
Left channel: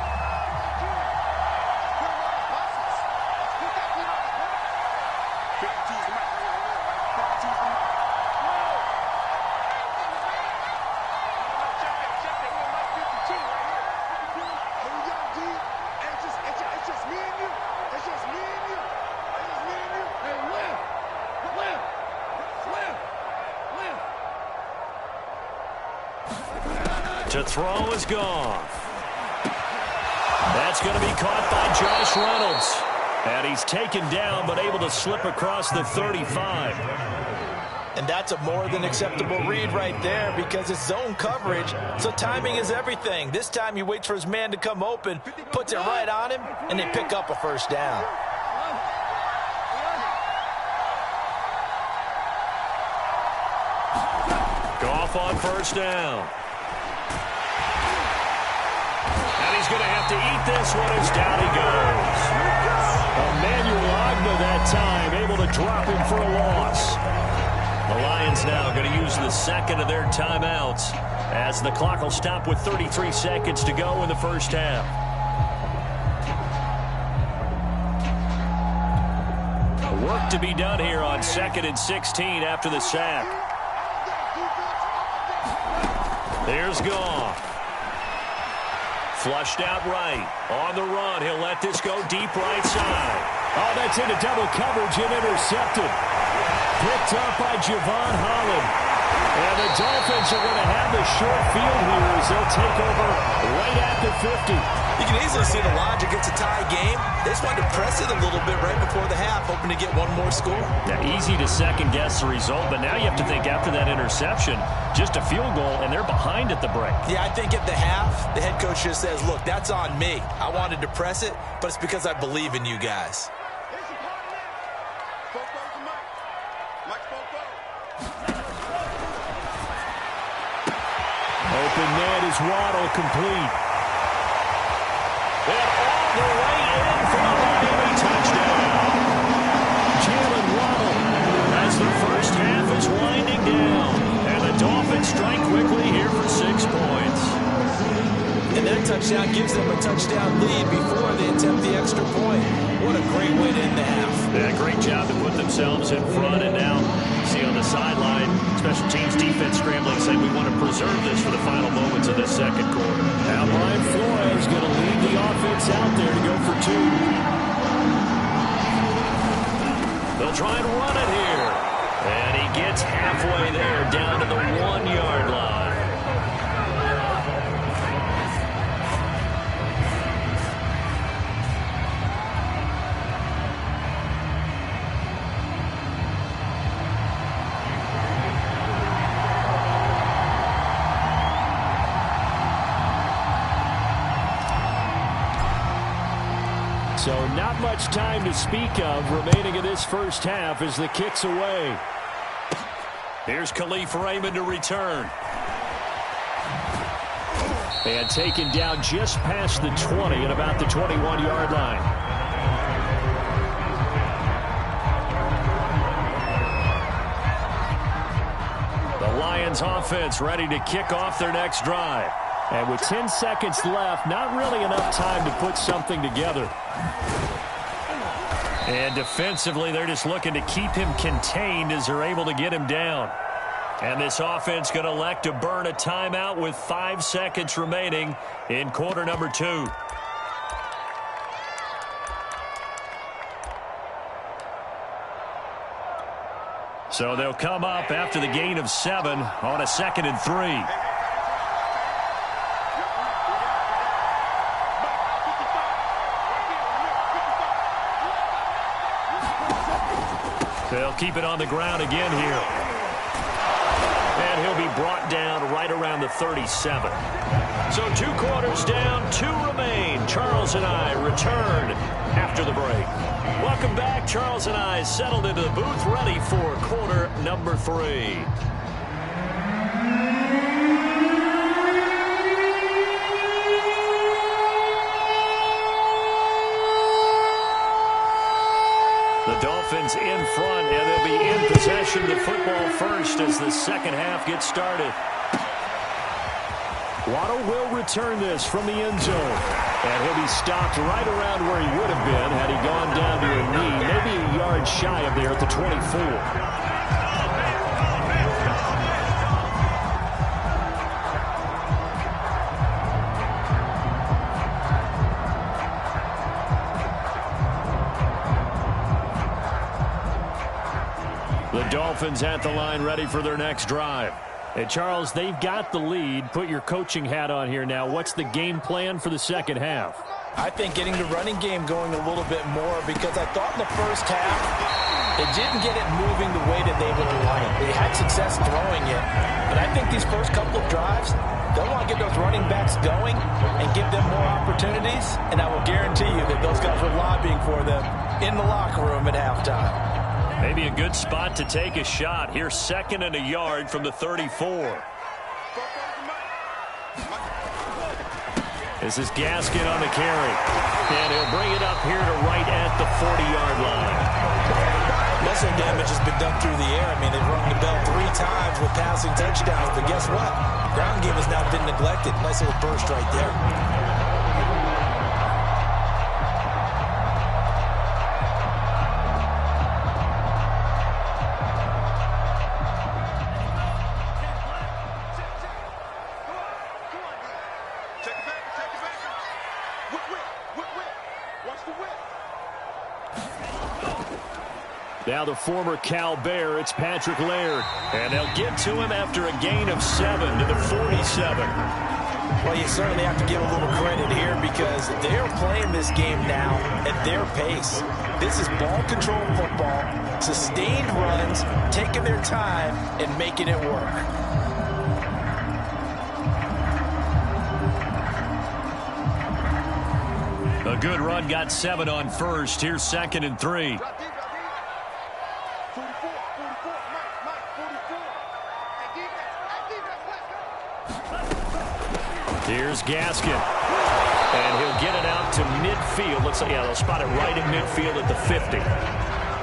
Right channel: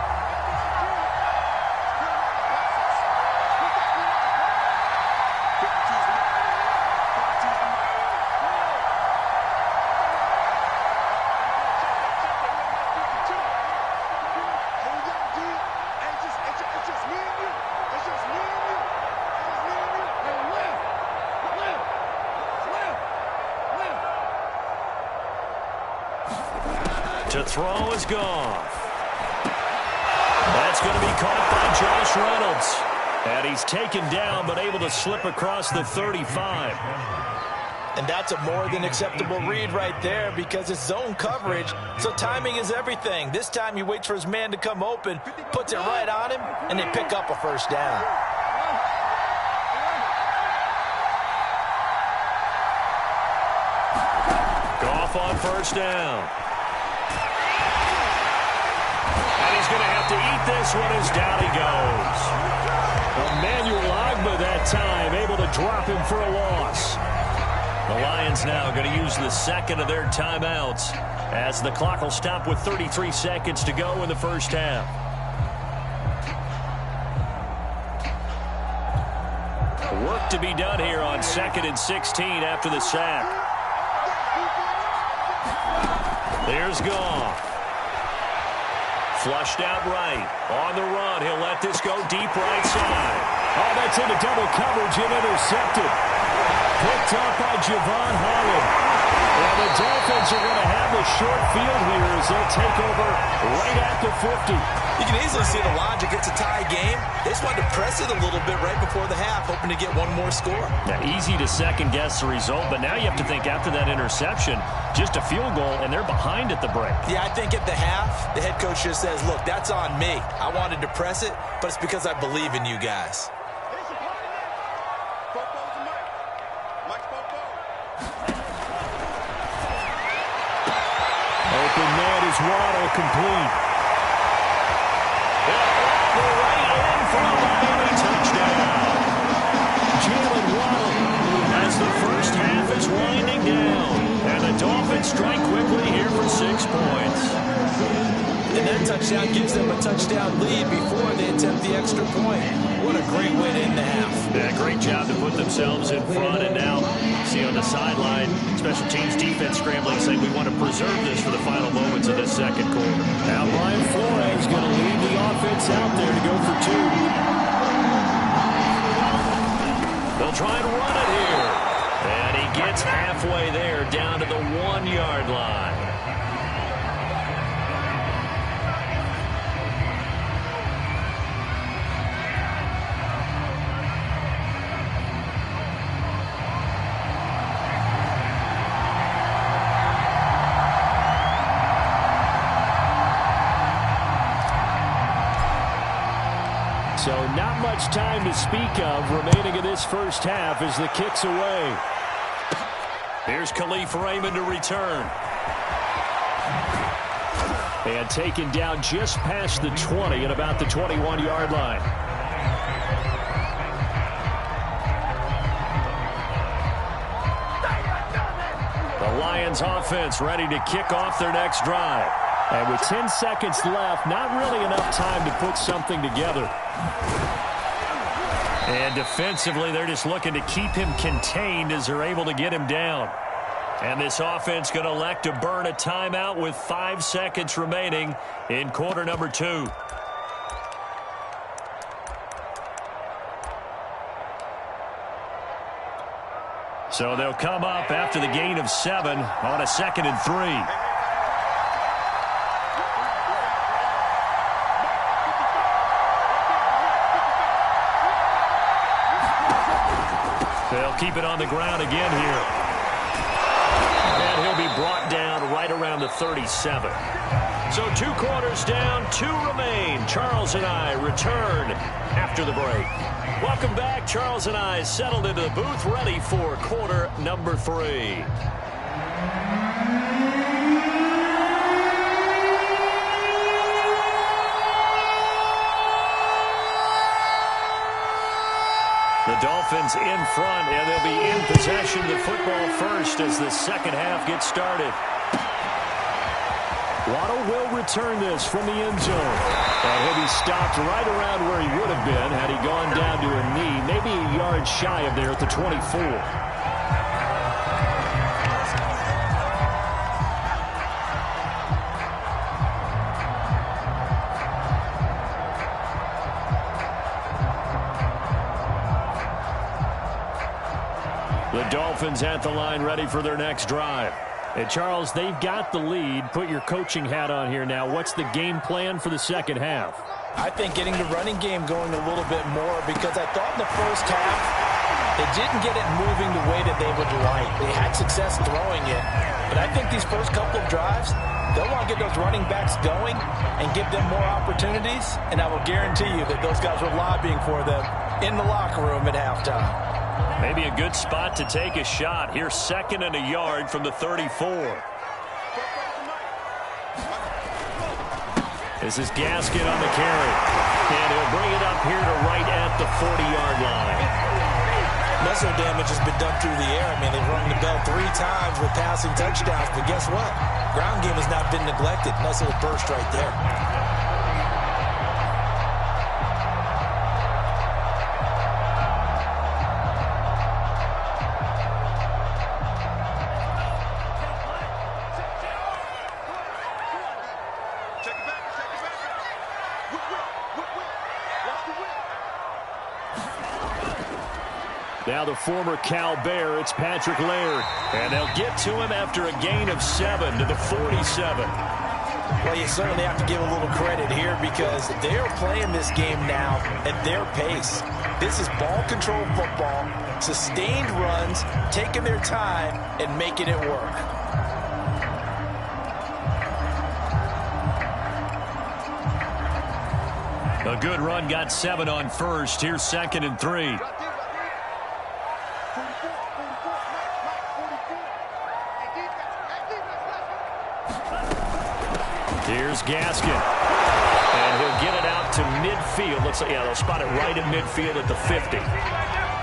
To throw is gone. That's going to be caught by Josh Reynolds. And he's taken down, but able to slip across the 35. And that's a more than acceptable read right there, because it's zone coverage, so timing is everything. This time he waits for his man to come open, puts it right on him, and they pick up a first down. Goff on first down. And he's going to have to eat this one as down he goes. Emmanuel Ogbah that time, able to drop him for a loss. The Lions now going to use the second of their timeouts as the clock will stop with 33 seconds to go in the first half. Work to be done here on 2nd and 16 after the sack. There's Goff. Flushed out right. On the run. He'll let this go deep right side. Oh, that's into double coverage and intercepted. Picked up by Javon Holland. And the Dolphins are going to have the short field here as they'll take over right at the 50. You can easily see the logic. It's a tie game. They just wanted to press it a little bit right before the half, hoping to get one more score. Now, easy to second-guess the result, but now you have to think after that interception, just a field goal, and they're behind at the break. Yeah, I think at the half, the head coach just says, look, that's on me. I wanted to press it, but it's because I believe in you guys. Open man is Waddle, complete. And all the way in for a Miami touchdown. Jalen Waddle as the first half is winding down. And the Dolphins strike quickly here for 6 points. And that touchdown gives them a touchdown lead before they attempt the extra point. What a great way to end the half. Yeah, great job to put themselves in front. And now, see on the sideline, special teams defense scrambling, saying we want to preserve this for the final moments of this second quarter. Now Brian Flores going to lead the offense out there to go for two. They'll try and run it here. And he gets halfway there, down to the 1-yard line. So not much time to speak of remaining in this first half as the kick's away. Here's Khalif Raymond to return. And taken down just past the 20 at about the 21-yard line. The Lions offense ready to kick off their next drive. And with 10 seconds left, not really enough time to put something together. And defensively, they're just looking to keep him contained as they're able to get him down. And this offense going to elect to burn a timeout with 5 seconds remaining in quarter number 2. So they'll come up after the gain of 7 on a 2nd and 3. They'll keep it on the ground again here. And he'll be brought down right around the 37. So 2 quarters down, 2 remain. Charles and I return after the break. Welcome back. Charles and I settled into the booth, ready for quarter number 3. The Dolphins in front, and they'll be in possession of the football first as the second half gets started. Waddle will return this from the end zone. And he'll be stopped right around where he would have been had he gone down to a knee, maybe a yard shy of there at the 24. The Dolphins at the line ready for their next drive. And Charles, they've got the lead. Put your coaching hat on here now. What's the game plan for the second half? I think getting the running game going a little bit more, because I thought in the first half they didn't get it moving the way that they would like. They had success throwing it. But I think these first couple of drives, they'll want to get those running backs going and give them more opportunities. And I will guarantee you that those guys were lobbying for them in the locker room at halftime. Maybe a good spot to take a shot. Here's 2nd and a yard from the 34. This is Gaskin on the carry. And he'll bring it up here to right at the 40-yard line. Muscle damage has been done through the air. I mean, they've rung the bell 3 times with passing touchdowns. But guess what? Ground game has not been neglected. Nice little burst right there. Now the former Cal Bear, it's Patrick Laird. And they'll get to him after a gain of 7 to the 47. Well, you certainly have to give a little credit here because they're playing this game now at their pace. This is ball control football, sustained runs, taking their time and making it work. A good run, got 7 on first. Here's 2nd and 3. Here's Gaskin. And he'll get it out to midfield. Looks like, yeah, they'll spot it right at midfield at the 50.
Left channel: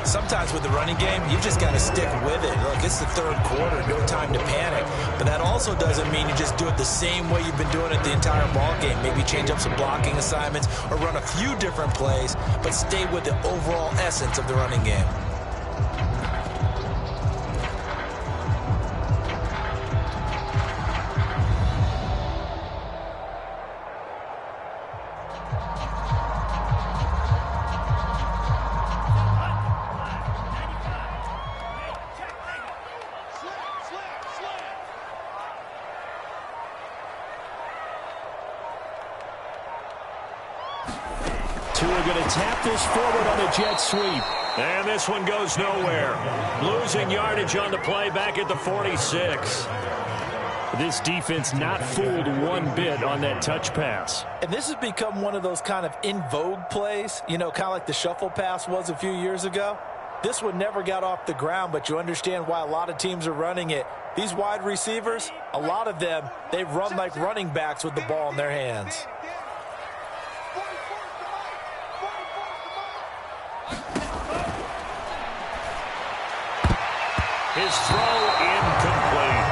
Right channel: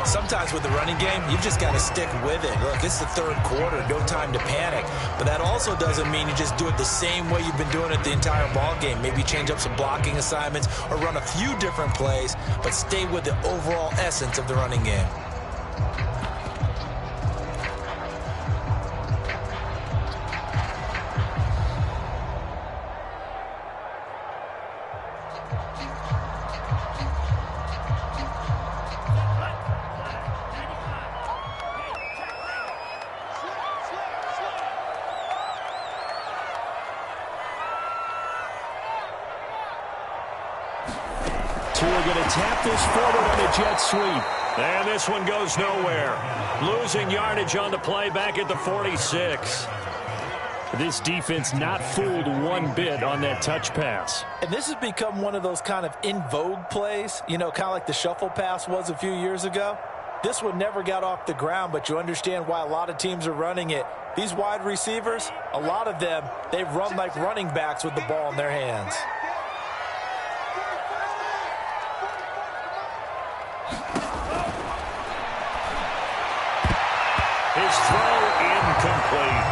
Sometimes with the running game, you've just got to stick with it. Look, it's the third quarter, no time to panic. But that also doesn't mean you just do it the same way you've been doing it the entire ball game. Maybe change up some blocking assignments or run a few different plays, but stay with the overall essence of the running game. We're going to tap this forward on a jet sweep. And this one goes nowhere. Losing yardage on the play back at the 46. This defense not fooled one bit on that touch pass. And this has become one of those kind of in vogue plays, you know, kind of like the shuffle pass was a few years ago. This one never got off the ground, but you understand why a lot of teams are running it. These wide receivers, a lot of them, they run like running backs with the ball in their hands. His throw incomplete.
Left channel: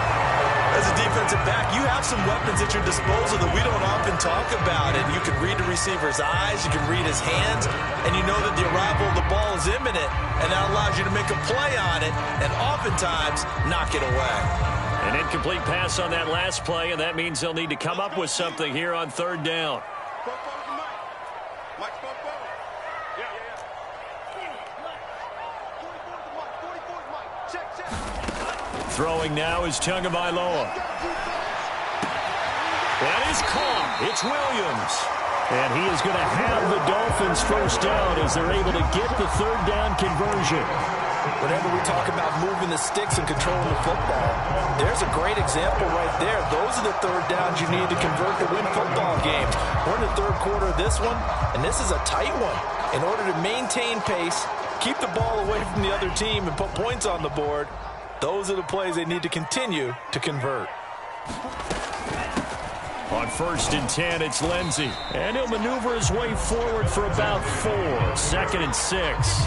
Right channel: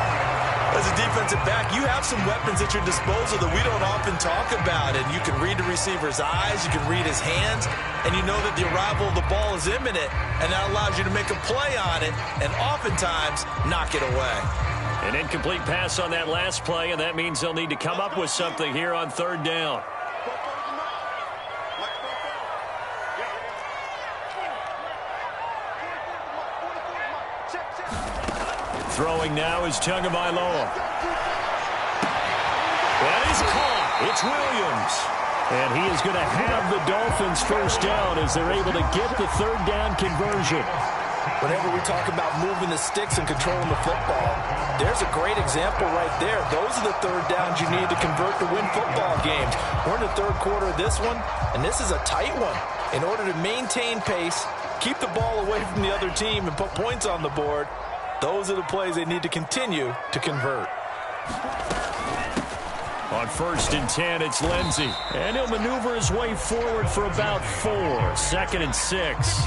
As a defensive back, you have some weapons at your disposal that we don't often talk about. And you can read the receiver's eyes, you can read his hands, and you know that the arrival of the ball is imminent, and that allows you to make a play on it and oftentimes knock it away. An incomplete pass on that last play, and that means they'll need to come up with something here on third down. Throwing now is Tagovailoa. That is caught. It's Williams. And he is going to have the Dolphins first down as they're able to get the third down conversion. Whenever we talk about moving the sticks and controlling the football, there's a great example right there. Those are the third downs you need to convert to win football games. We're in the third quarter of this one, and this is a tight one. In order to maintain pace, keep the ball away from the other team, and put points on the board, those are the plays they need to continue to convert. On 1st and 10, it's Lindsey. And he'll maneuver his way forward for about 4. 2nd and 6.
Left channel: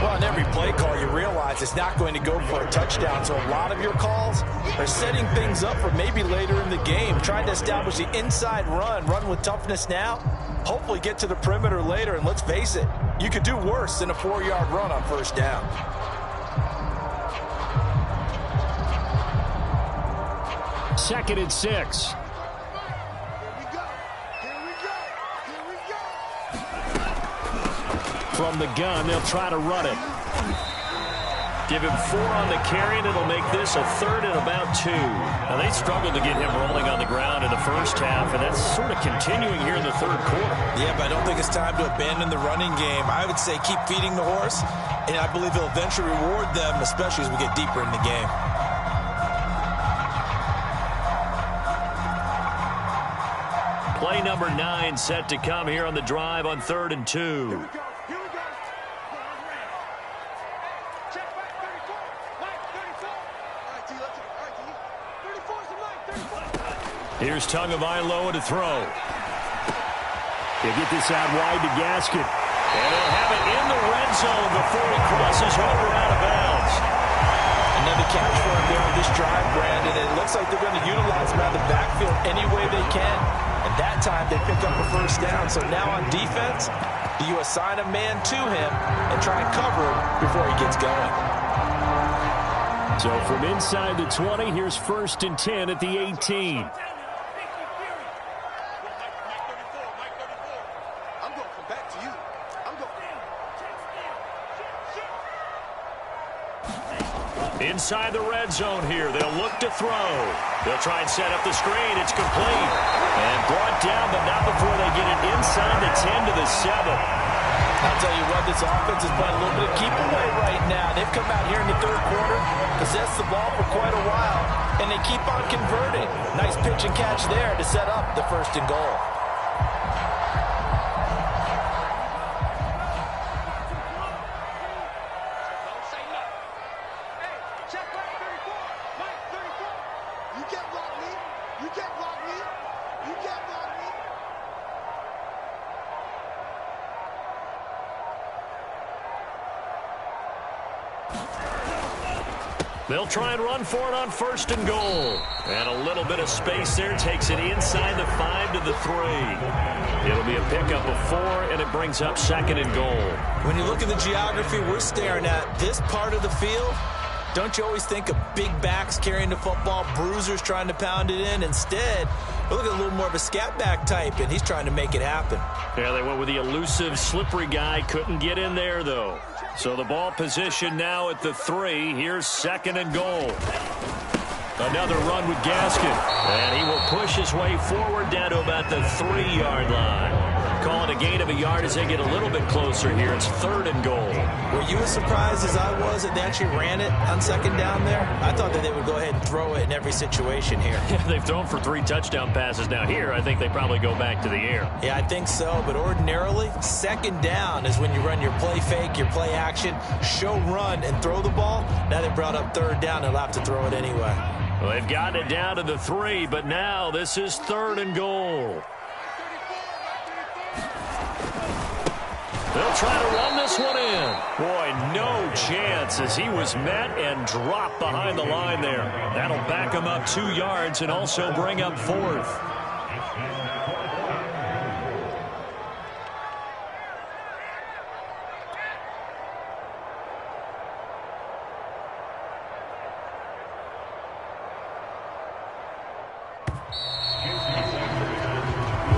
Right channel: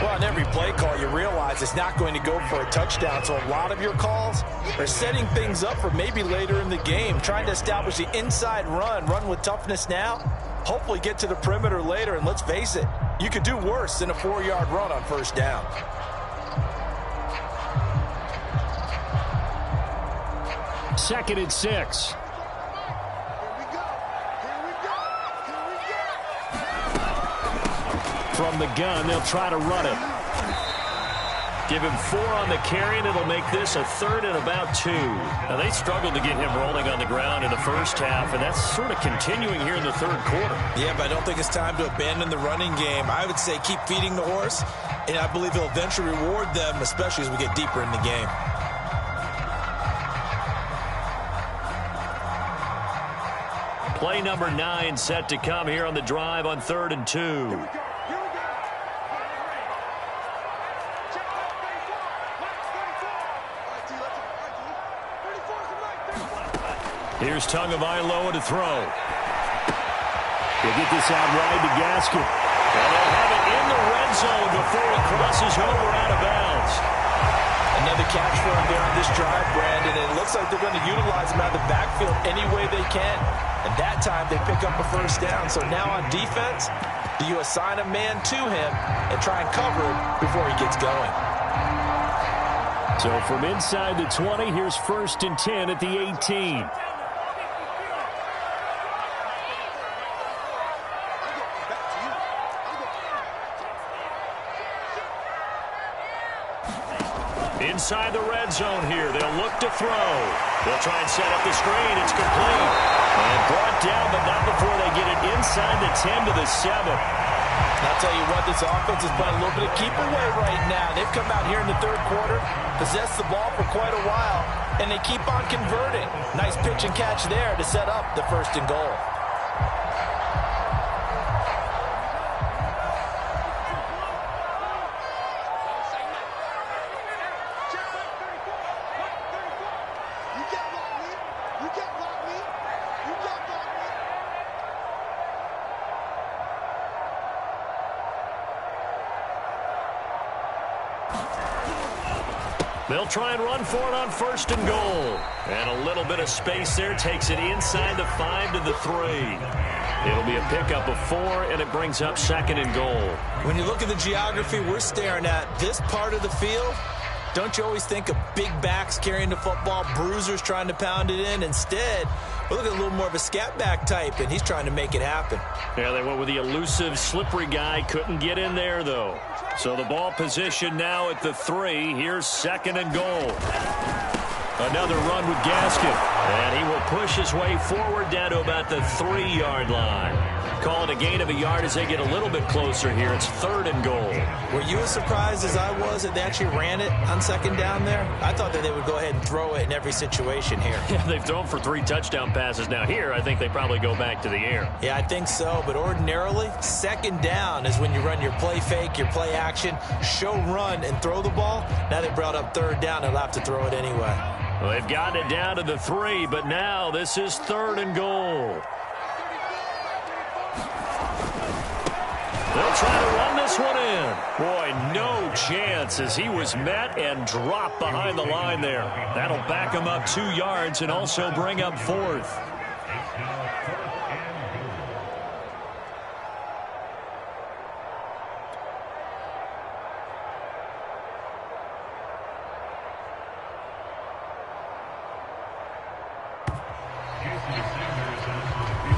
Well, in every play call, you realize it's not going to go for a touchdown. So a lot of your calls are setting things up for maybe later in the game, trying to establish the inside run with toughness now, hopefully get to the perimeter later. And let's face it, you could do worse than a 4-yard run on first down. Second and 6. From the gun, they'll try to run it. Give him 4 on the carry, and it'll make this a 3rd and about 2. Now, they struggled to get him rolling on the ground in the first half, and that's sort of continuing here in the third quarter. Yeah, but I don't think it's time to abandon the running game. I would say keep feeding the horse, and I believe he'll eventually reward them, especially as we get deeper in the game. Play number 9 set to come here on the drive on 3rd and 2. Here we go. Check back 34. Mike, 34. All right, T, let's go. All right, T. 34's the Mike, 34. Here's Tagovailoa to throw. They get this out wide to Gaskin. And they'll have it in the red zone before he crosses over out of bounds. Another catch for him there on this drive, Brandon. It looks like they're going to utilize him out of the backfield any way they can. And that time they pick up a first down. So now on defense, do you assign a man to him and try and cover him before he gets going? So from inside the 20, here's 1st and 10 at the 18. Inside the red zone here. They'll look to throw. They'll try and set up the screen. It's complete. And brought down, but not before they get it inside the 10 to the 7. I'll tell you what, this offense is playing a little bit of keep away right now. They've come out here in the third quarter, possessed the ball for quite a while, and they keep on converting. Nice pitch and catch there to set up the 1st and goal. They'll try and run for it on 1st and goal. And a little bit of space there takes it inside the 5 to the 3. It'll be a pickup of 4, and it brings up 2nd and goal. When you look at the geography we're staring at, this part of the field, don't you always think of big backs carrying the football, bruisers trying to pound it in? Instead, we're looking at a little more of a scat back type, and he's trying to make it happen. Yeah, they went with the elusive, slippery guy. Couldn't get in there, though. So the ball position now at the 3. Here's 2nd and goal. Another run with Gaskin. And he will push his way forward down to about the 3-yard line. Call it a gain of a yard as they get a little bit closer here. It's 3rd and goal. Were you as surprised as I was that they actually ran it on 2nd down there? I thought that they would go ahead and throw it in every situation here. Yeah, they've thrown for 3 touchdown passes. Now here, I think they probably go back to the air. Yeah, I think so. But ordinarily, 2nd down is when you run your play fake, your play action, show run, and throw the ball. Now they brought up 3rd down. They'll have to throw it anyway. Well, they've gotten it down to the 3, but now this is 3rd and goal. They'll try to run this one in. Boy, no chance as he was met and dropped behind the line there. That'll back him up 2 yards and also bring up 4th.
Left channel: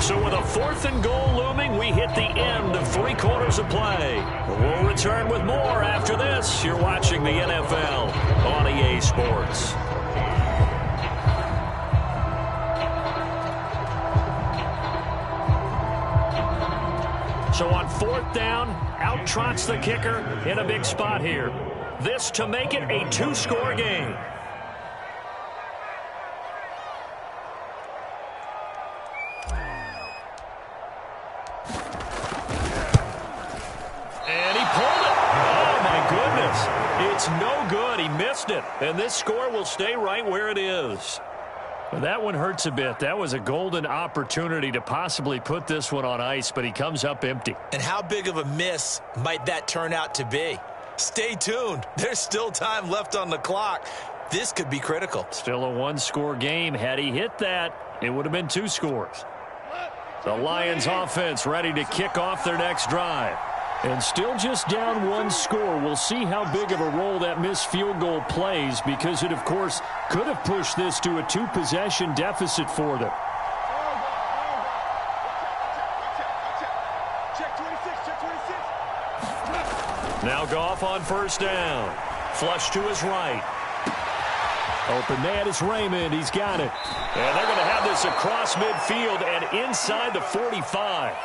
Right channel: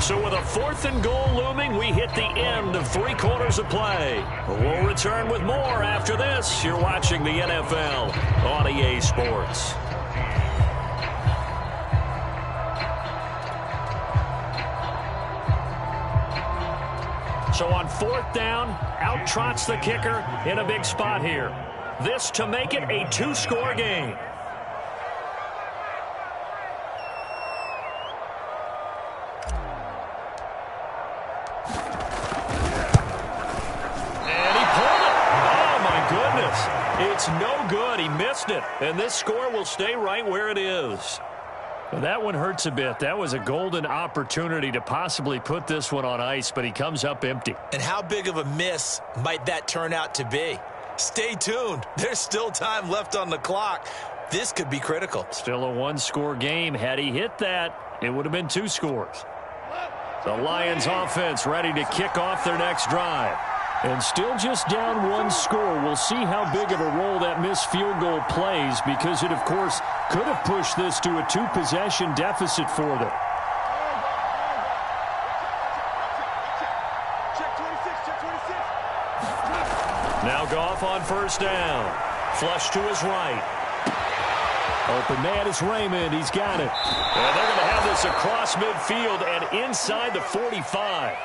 So with a 4th and goal looming, we hit the end of 3 quarters of play. We'll return with more after this. You're watching the NFL on EA Sports. So on 4th down, out trots the kicker in a big spot here. This to make it a 2-score game. It's no good. He missed it. And this score will stay right where it is. Well, that one hurts a bit. That was a golden opportunity to possibly put this one on ice, but he comes up empty. And how big of a miss might that turn out to be? Stay tuned. There's still time left on the clock. This could be critical. Still a 1-score game. Had he hit that, it would have been 2 scores. The Lions offense ready to kick off their next drive. And still just down 1 score. We'll see how big of a role that missed field goal plays because it, of course, could have pushed this to a 2-possession deficit for them. Check 26, check 26. Now Goff on 1st down. Flush to his right. Open man is Raymond. He's got it. And they're going to have this across midfield and inside the 45.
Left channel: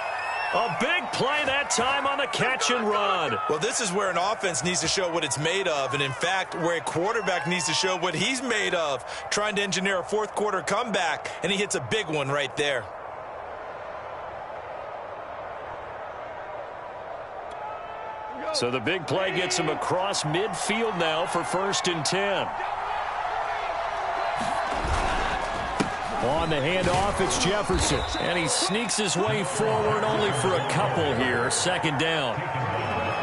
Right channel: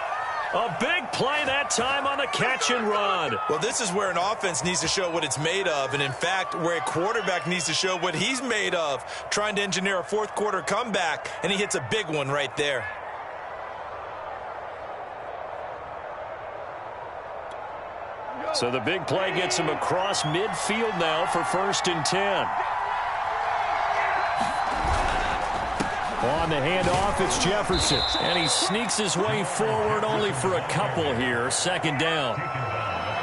A big play that time on the catch and run. Well, this is where an offense needs to show what it's made of, and in fact, where a quarterback needs to show what he's made of, trying to engineer a 4th quarter comeback, and he hits a big one right there. So the big play gets him across midfield now for 1st and 10. On the handoff, it's Jefferson. And he sneaks his way forward only for a couple here. 2nd down.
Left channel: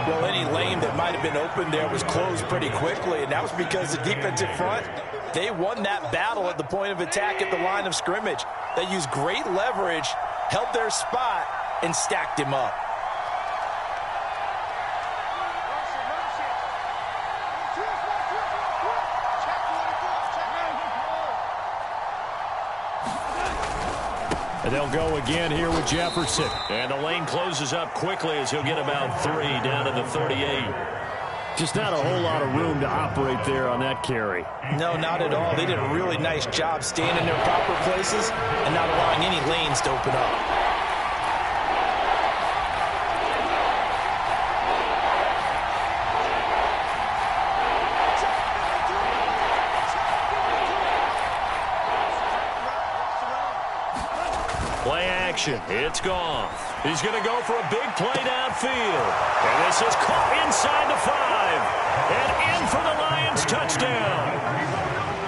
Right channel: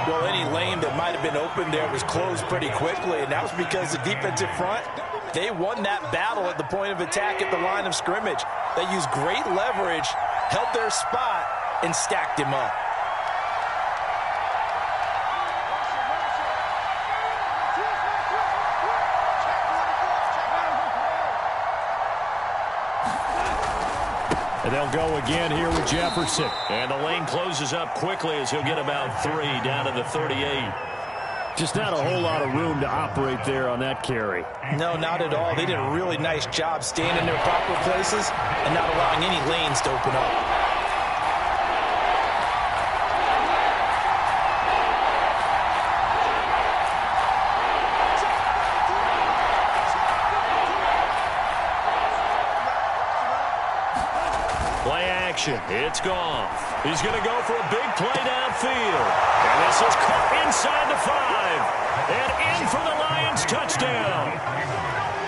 Well, any lane that might have been open there was closed pretty quickly, and that was because the defensive front, they won that battle at the point of attack at the line of scrimmage. They used great leverage, held their spot, and stacked him up. And they'll go again here with Jefferson. And the lane closes up quickly as he'll get about 3 down to the 38. Just not a whole lot of room to operate there on that carry. No, not at all. They did a really nice job staying in their proper places and not allowing any lanes to open up. It's Goff. He's going to go for a big play downfield. And this is caught inside the 5. And in for the Lions touchdown.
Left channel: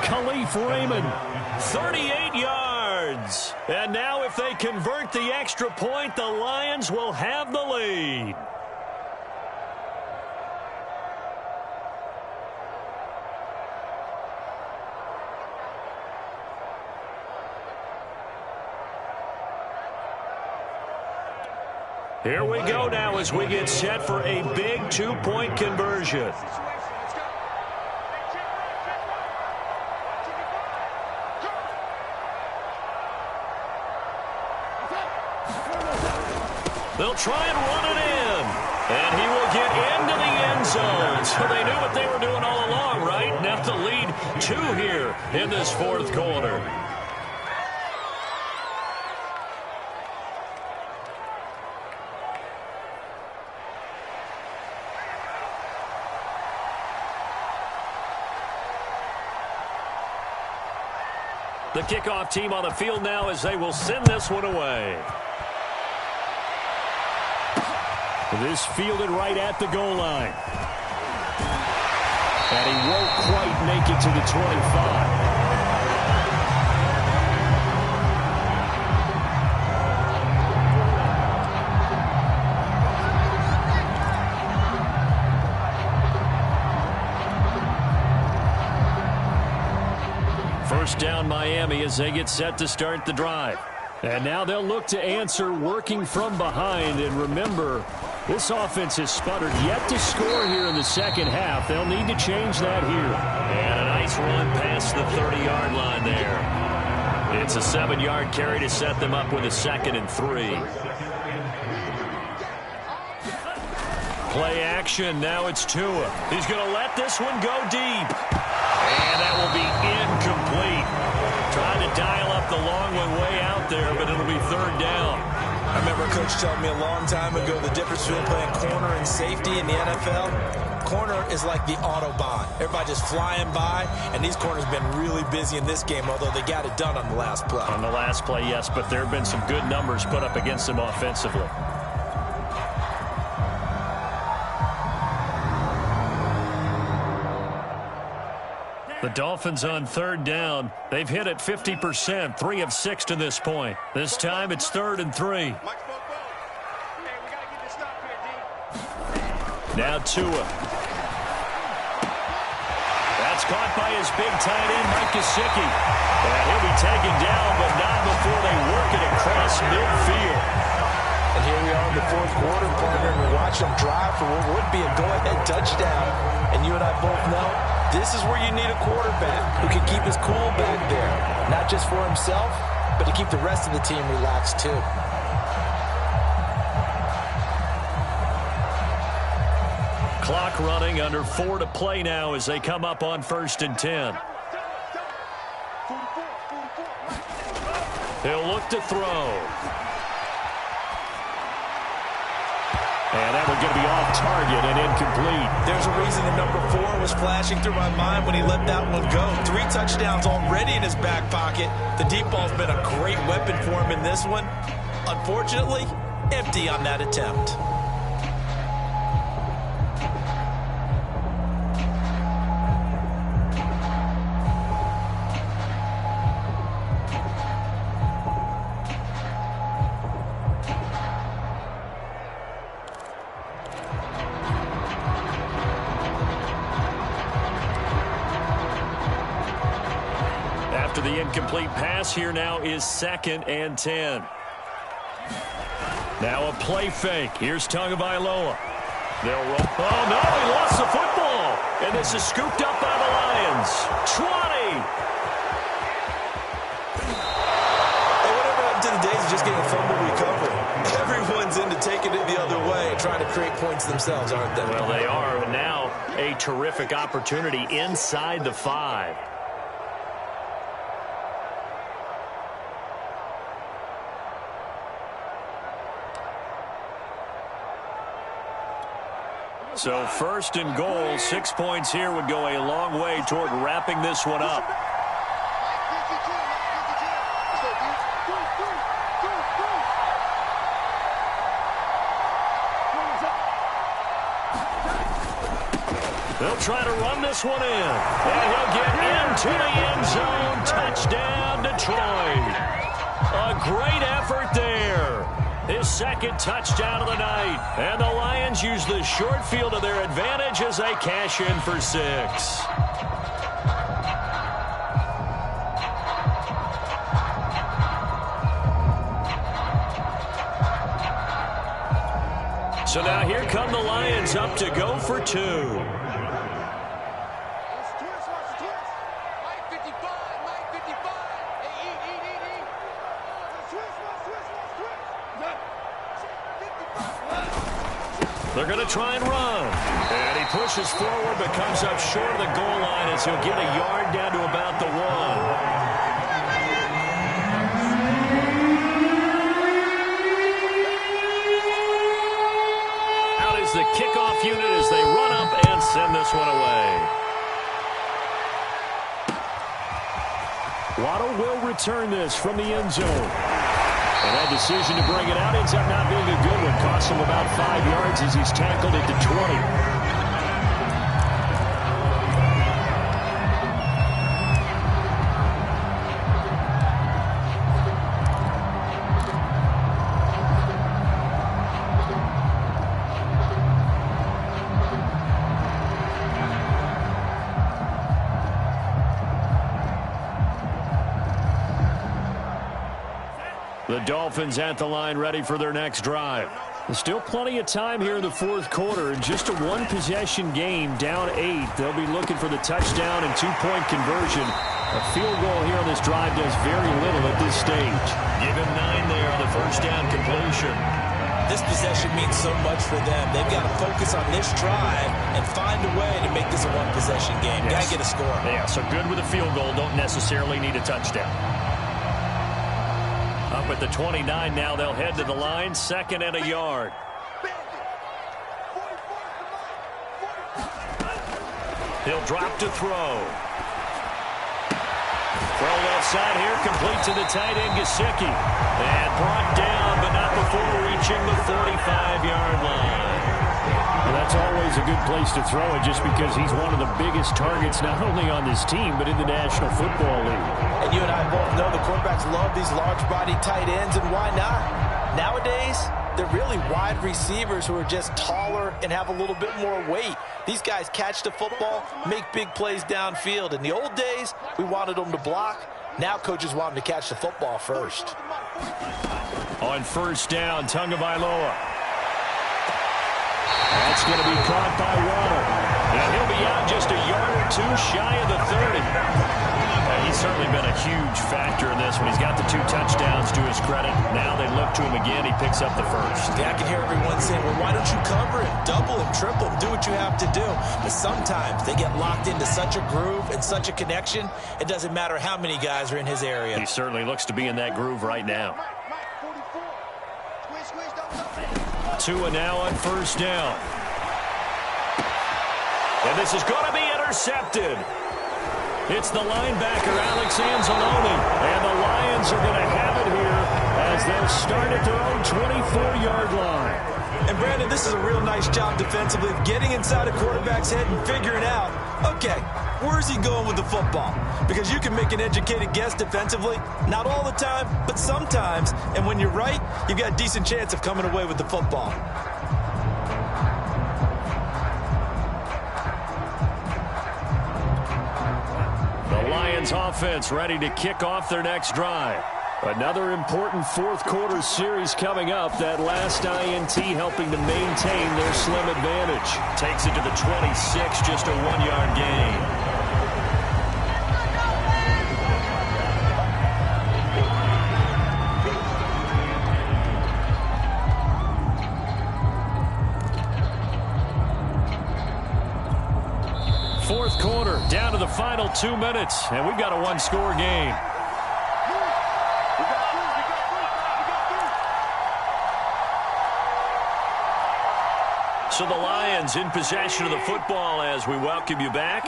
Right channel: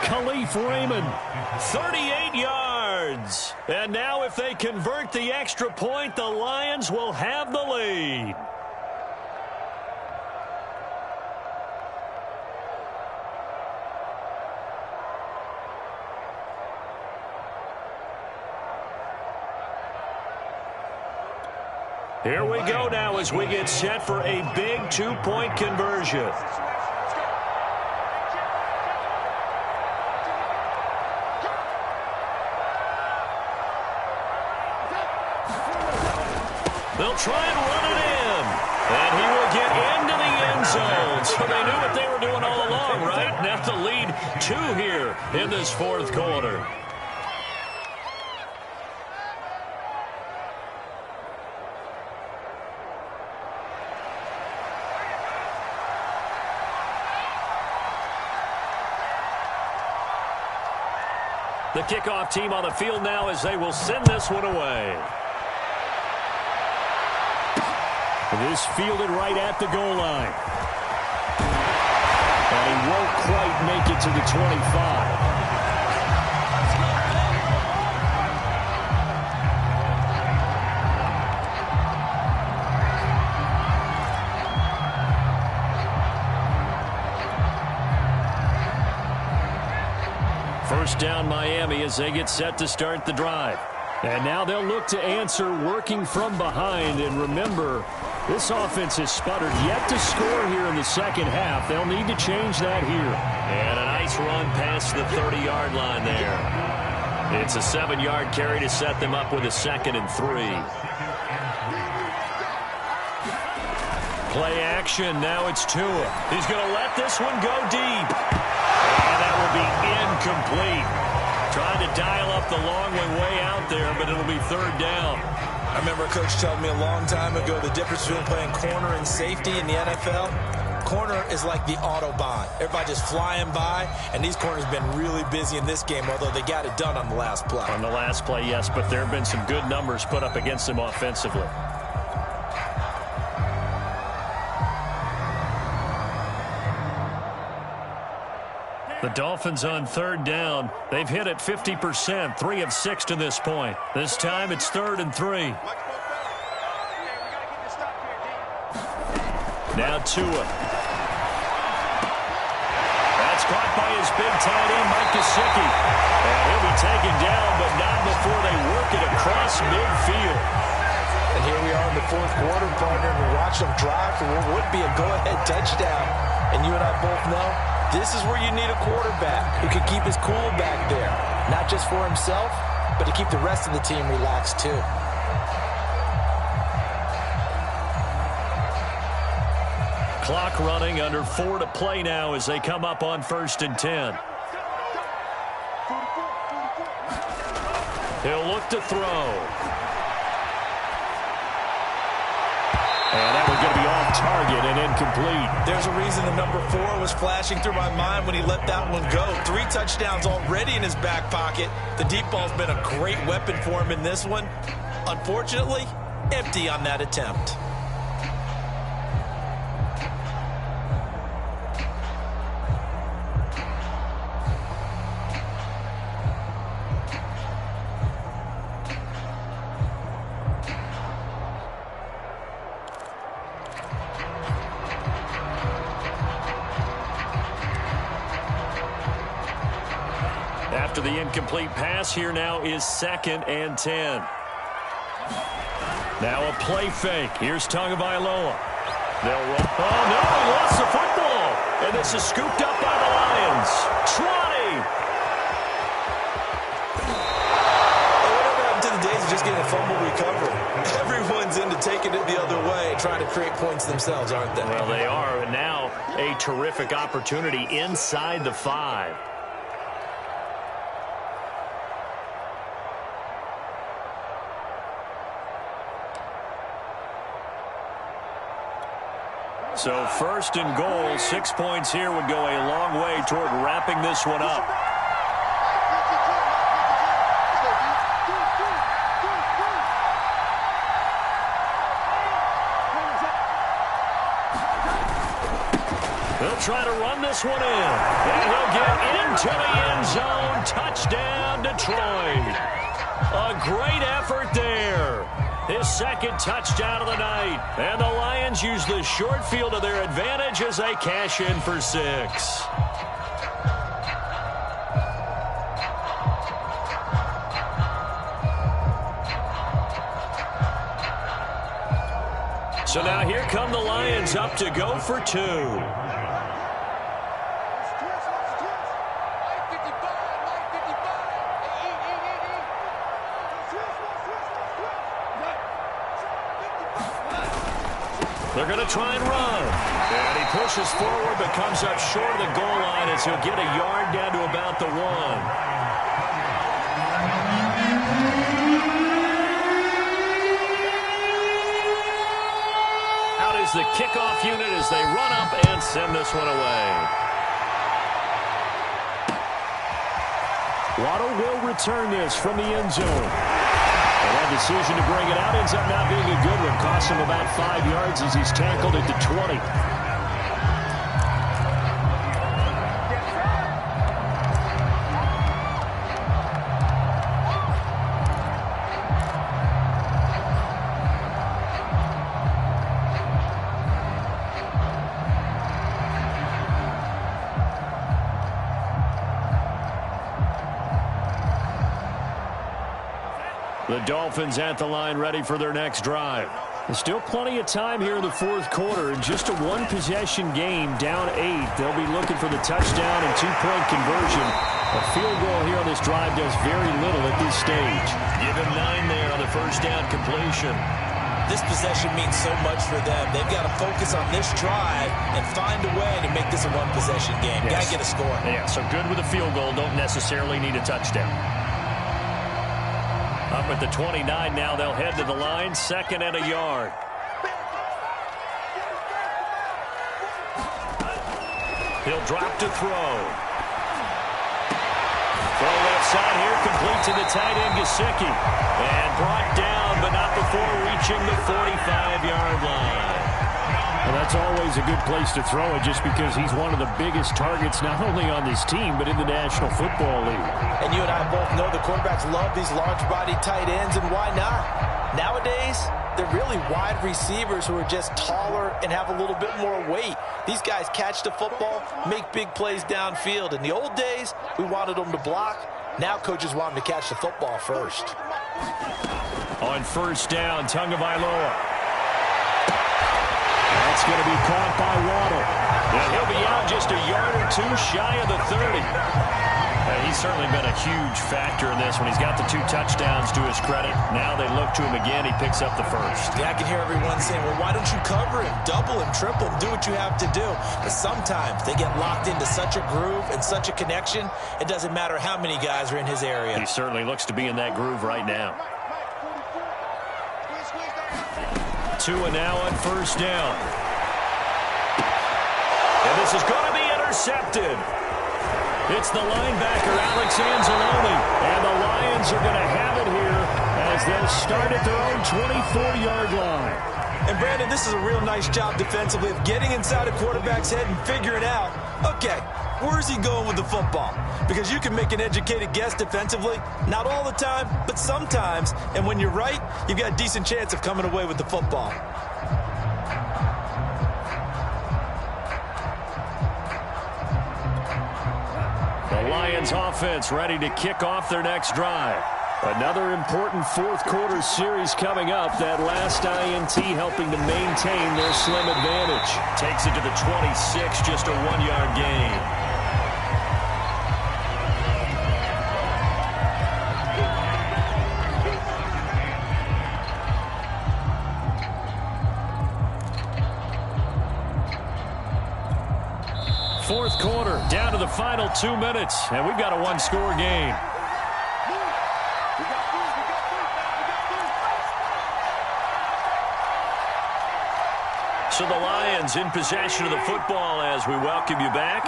Khalif Raymond, 38 yards. And now if they convert the extra point, the Lions will have the lead. Here we go now as we get set for a big two-point conversion. They'll try and run it in. And he will get into the end zone. So they knew what they were doing all along, right? Now the lead 2 here in this fourth quarter. The kickoff team on the field now as they will send this one away. This fielded right at the goal line. And he won't quite make it to the 25. First down Miami as they get set to start the drive. And now they'll look to answer working from behind. And remember, this offense has sputtered yet to score here in the second half. They'll need to change that here. And a nice run past the 30-yard line there. It's a 7-yard carry to set them up with a 2nd and 3. Play action. Now it's Tua. He's going to let this one go deep. And that will be incomplete. Trying to dial up the long one way out there, but it'll be 3rd down. I remember a coach telling me a long time ago the difference between playing corner and safety in the NFL. Corner is like the Autobahn. Everybody just flying by, and these corners have been really busy in this game, although they got it done on the last play. On the last play, yes, but there have been some good numbers put up against them offensively. The Dolphins on 3rd down. They've hit it 50%, 3 of 6 to this point. This time it's 3rd and 3. Now Tua. That's caught by his big tight end, Mike Gesicki. And he'll be taken down, but not before they work it across midfield. And here we are in the fourth quarter, partner, and we're watching them drive for what would be a go-ahead touchdown. And you and I both know this is where you need a quarterback who can keep his cool back there. Not just for himself, but to keep the rest of the team relaxed too. Clock running, under 4 to play now as they come up on 1st and 10. He'll look to throw. And that one's going to be off target and incomplete. There's a reason the number 4 was flashing through my mind when he let that one go. 3 touchdowns already in his back pocket. The deep ball's been a great weapon for him in this one. Unfortunately, empty on that attempt. After the incomplete pass, here now is 2nd and 10. Now a play fake. Here's Tagovailoa. They'll roll. Oh, no, he lost the football. And this is scooped up by the Lions. 20. Hey, whatever happened to the days of just getting a fumble recovery? Everyone's into taking it the other way and trying to create points themselves, aren't they? Well, they are. And now a terrific opportunity inside the 5. So 1st and goal, 6 points here would go a long way toward wrapping this one up. They'll try to run this one in. And he'll get into the end zone. Touchdown, Detroit. A great effort there. His 2nd touchdown of the night. And the Lions use the short field to their advantage as they cash in for 6. So now here come the Lions up to go for two. They're going to try and run. And he pushes forward but comes up short of the goal line as he'll get a yard down to about the 1. Out is the kickoff unit as they run up and send this one away. Waddle will return this from the end zone. And that decision to bring it out ends up not being a good one. Costs him about 5 yards as he's tackled at the 20. The Dolphins at the line ready for their next drive. There's still plenty of time here in the fourth quarter. In just a one-possession game, down 8. They'll be looking for the touchdown and two-point conversion. A field goal here on this drive does very little at this stage. Give him 9 there on the first down completion. This possession means so much for them. They've got to focus on this drive and find a way to make this a one-possession game. Yes. Got to get a score. Yeah, so good with a field goal. Don't necessarily need a touchdown. Up at the 29 now, they'll head to the line, 2nd and a yard. He'll drop to throw. Throw left side here, complete to the tight end, Gesicki. And brought down, but not before reaching the 45-yard line. Well, that's always a good place to throw it just because he's one of the biggest targets not only on this team but in the National Football League. And you and I both know the quarterbacks love these large-body tight ends, and why not? Nowadays, they're really wide receivers who are just taller and have a little bit more weight. These guys catch the football, make big plays downfield. In the old days, we wanted them to block. Now coaches want them to catch the football first. On first down, Tagovailoa. That's going to be caught by Waddle. And he'll be out just a yard or two shy of the 30. He's certainly been a huge factor in this when he's got the 2 touchdowns to his credit. Now they look to him again. He picks up the first. Yeah, I can hear everyone saying, well, why don't you cover him? Double him, triple him, do what you have to do. But sometimes they get locked into such a groove and such a connection, it doesn't matter how many guys are in his area. He certainly looks to be in that groove right now. 2 and now on first down. And this is going to be intercepted. It's the linebacker, Alex Anzalone. And the Lions are going to have it here as they'll start at their own 24-yard line. And, Brandon, this is a real nice job defensively of getting inside a quarterback's head and figuring out, okay, where's he going with the football? Because you can make an educated guess defensively, not all the time, but sometimes. And when you're right, you've got a decent chance of coming away with the football. The Lions offense ready to kick off their next drive. Another important fourth quarter series coming up. That last INT helping to maintain their slim advantage. Takes it to the 26, just a 1-yard gain. Fourth quarter, down to the final 2 minutes, and we've got a 1-score game. So the Lions in possession of the football as we welcome you back.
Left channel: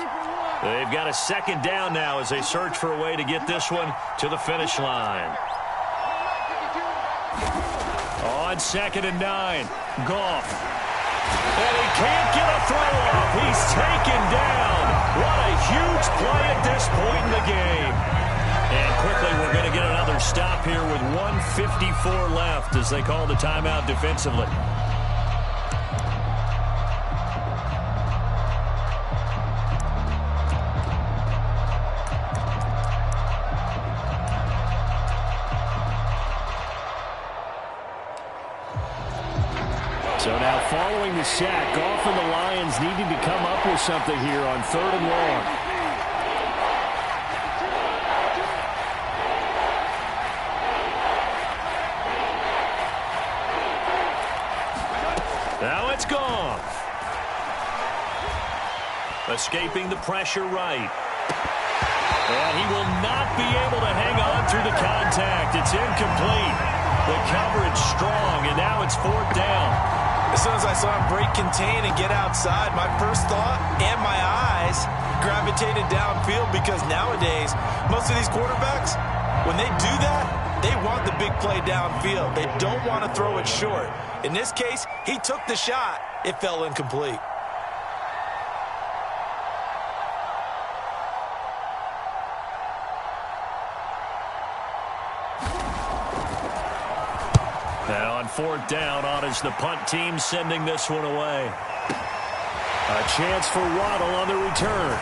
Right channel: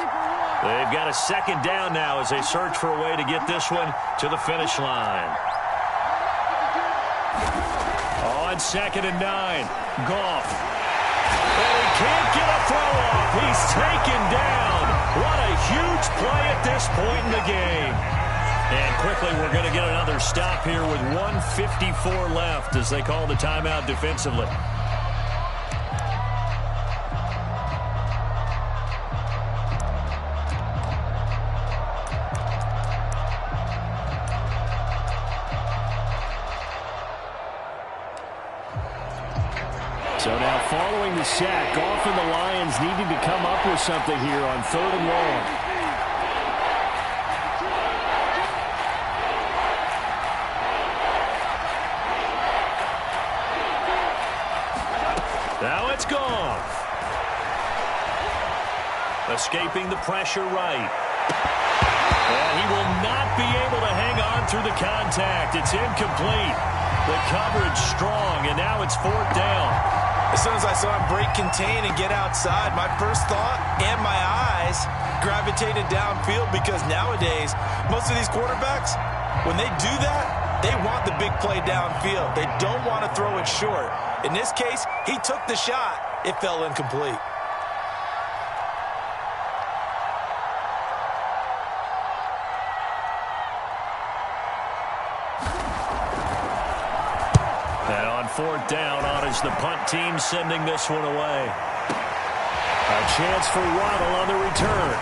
They've got a 2nd down now as they search for a way to get this one to the finish line. On 2nd and 9, Goff. And he can't get a throw off. He's taken down. What a huge play at this point in the game. And quickly, we're going to get another stop here with 1:54 left as they call the timeout defensively. So now following the sack, often the Lions needing to come up with something here on 3rd and long. Now it's gone. Escaping the pressure right. And he will not be able to hang on through the contact. It's incomplete. The coverage strong, and now it's 4th down. As soon as I saw him break contain and get outside, my first thought and my eyes gravitated downfield, because nowadays, most of these quarterbacks, when they do that, they want the big play downfield. They don't want to throw it short. In this case, he took the shot. It fell incomplete. And on 4th down, on is the punt team sending this one away. A chance for Waddle on the return.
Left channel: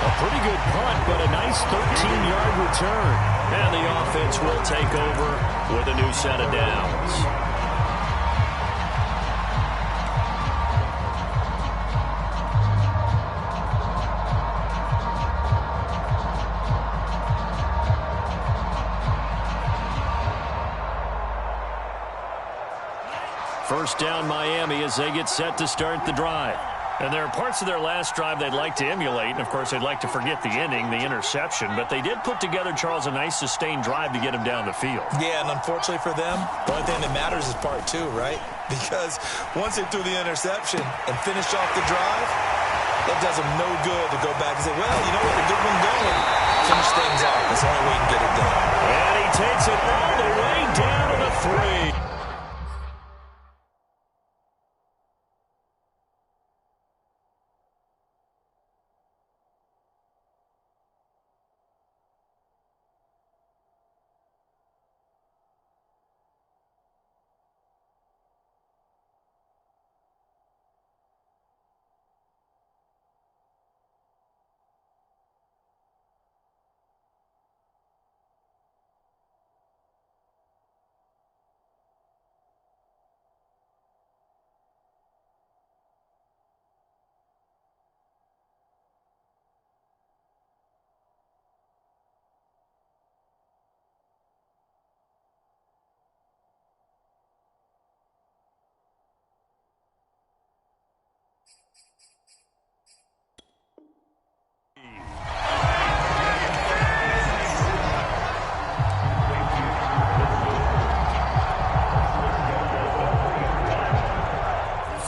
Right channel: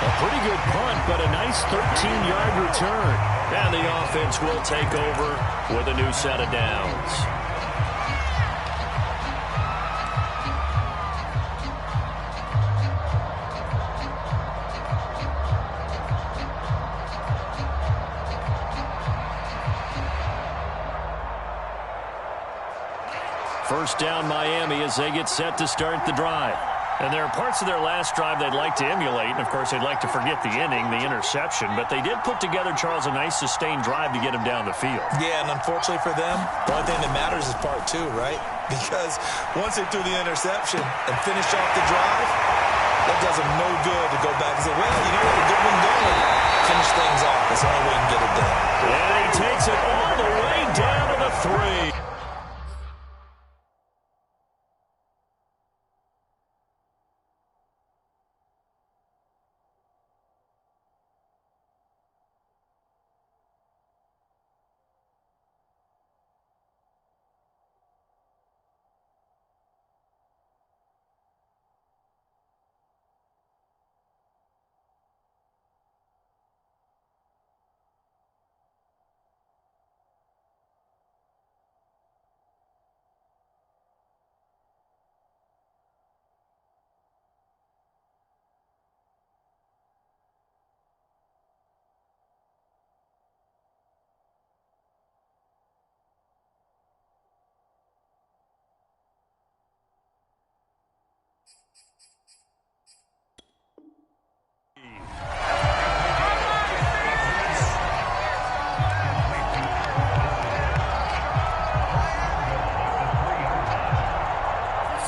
A pretty good punt, but a nice 13-yard return. And the offense will take over with a new set of downs. First down Miami as they get set to start the drive. And there are parts of their last drive they'd like to emulate. And, of course, they'd like to forget the inning, the interception. But they did put together, Charles, a nice sustained drive to get him down the field. Yeah, and unfortunately for them, the only thing that matters is part 2, right? Because once they threw the interception and finished off the drive, that does them no good to go back and say, well, you know what, a good one going. Finish things off. That's the only way you can get it done. And he takes it all the way down to the 3.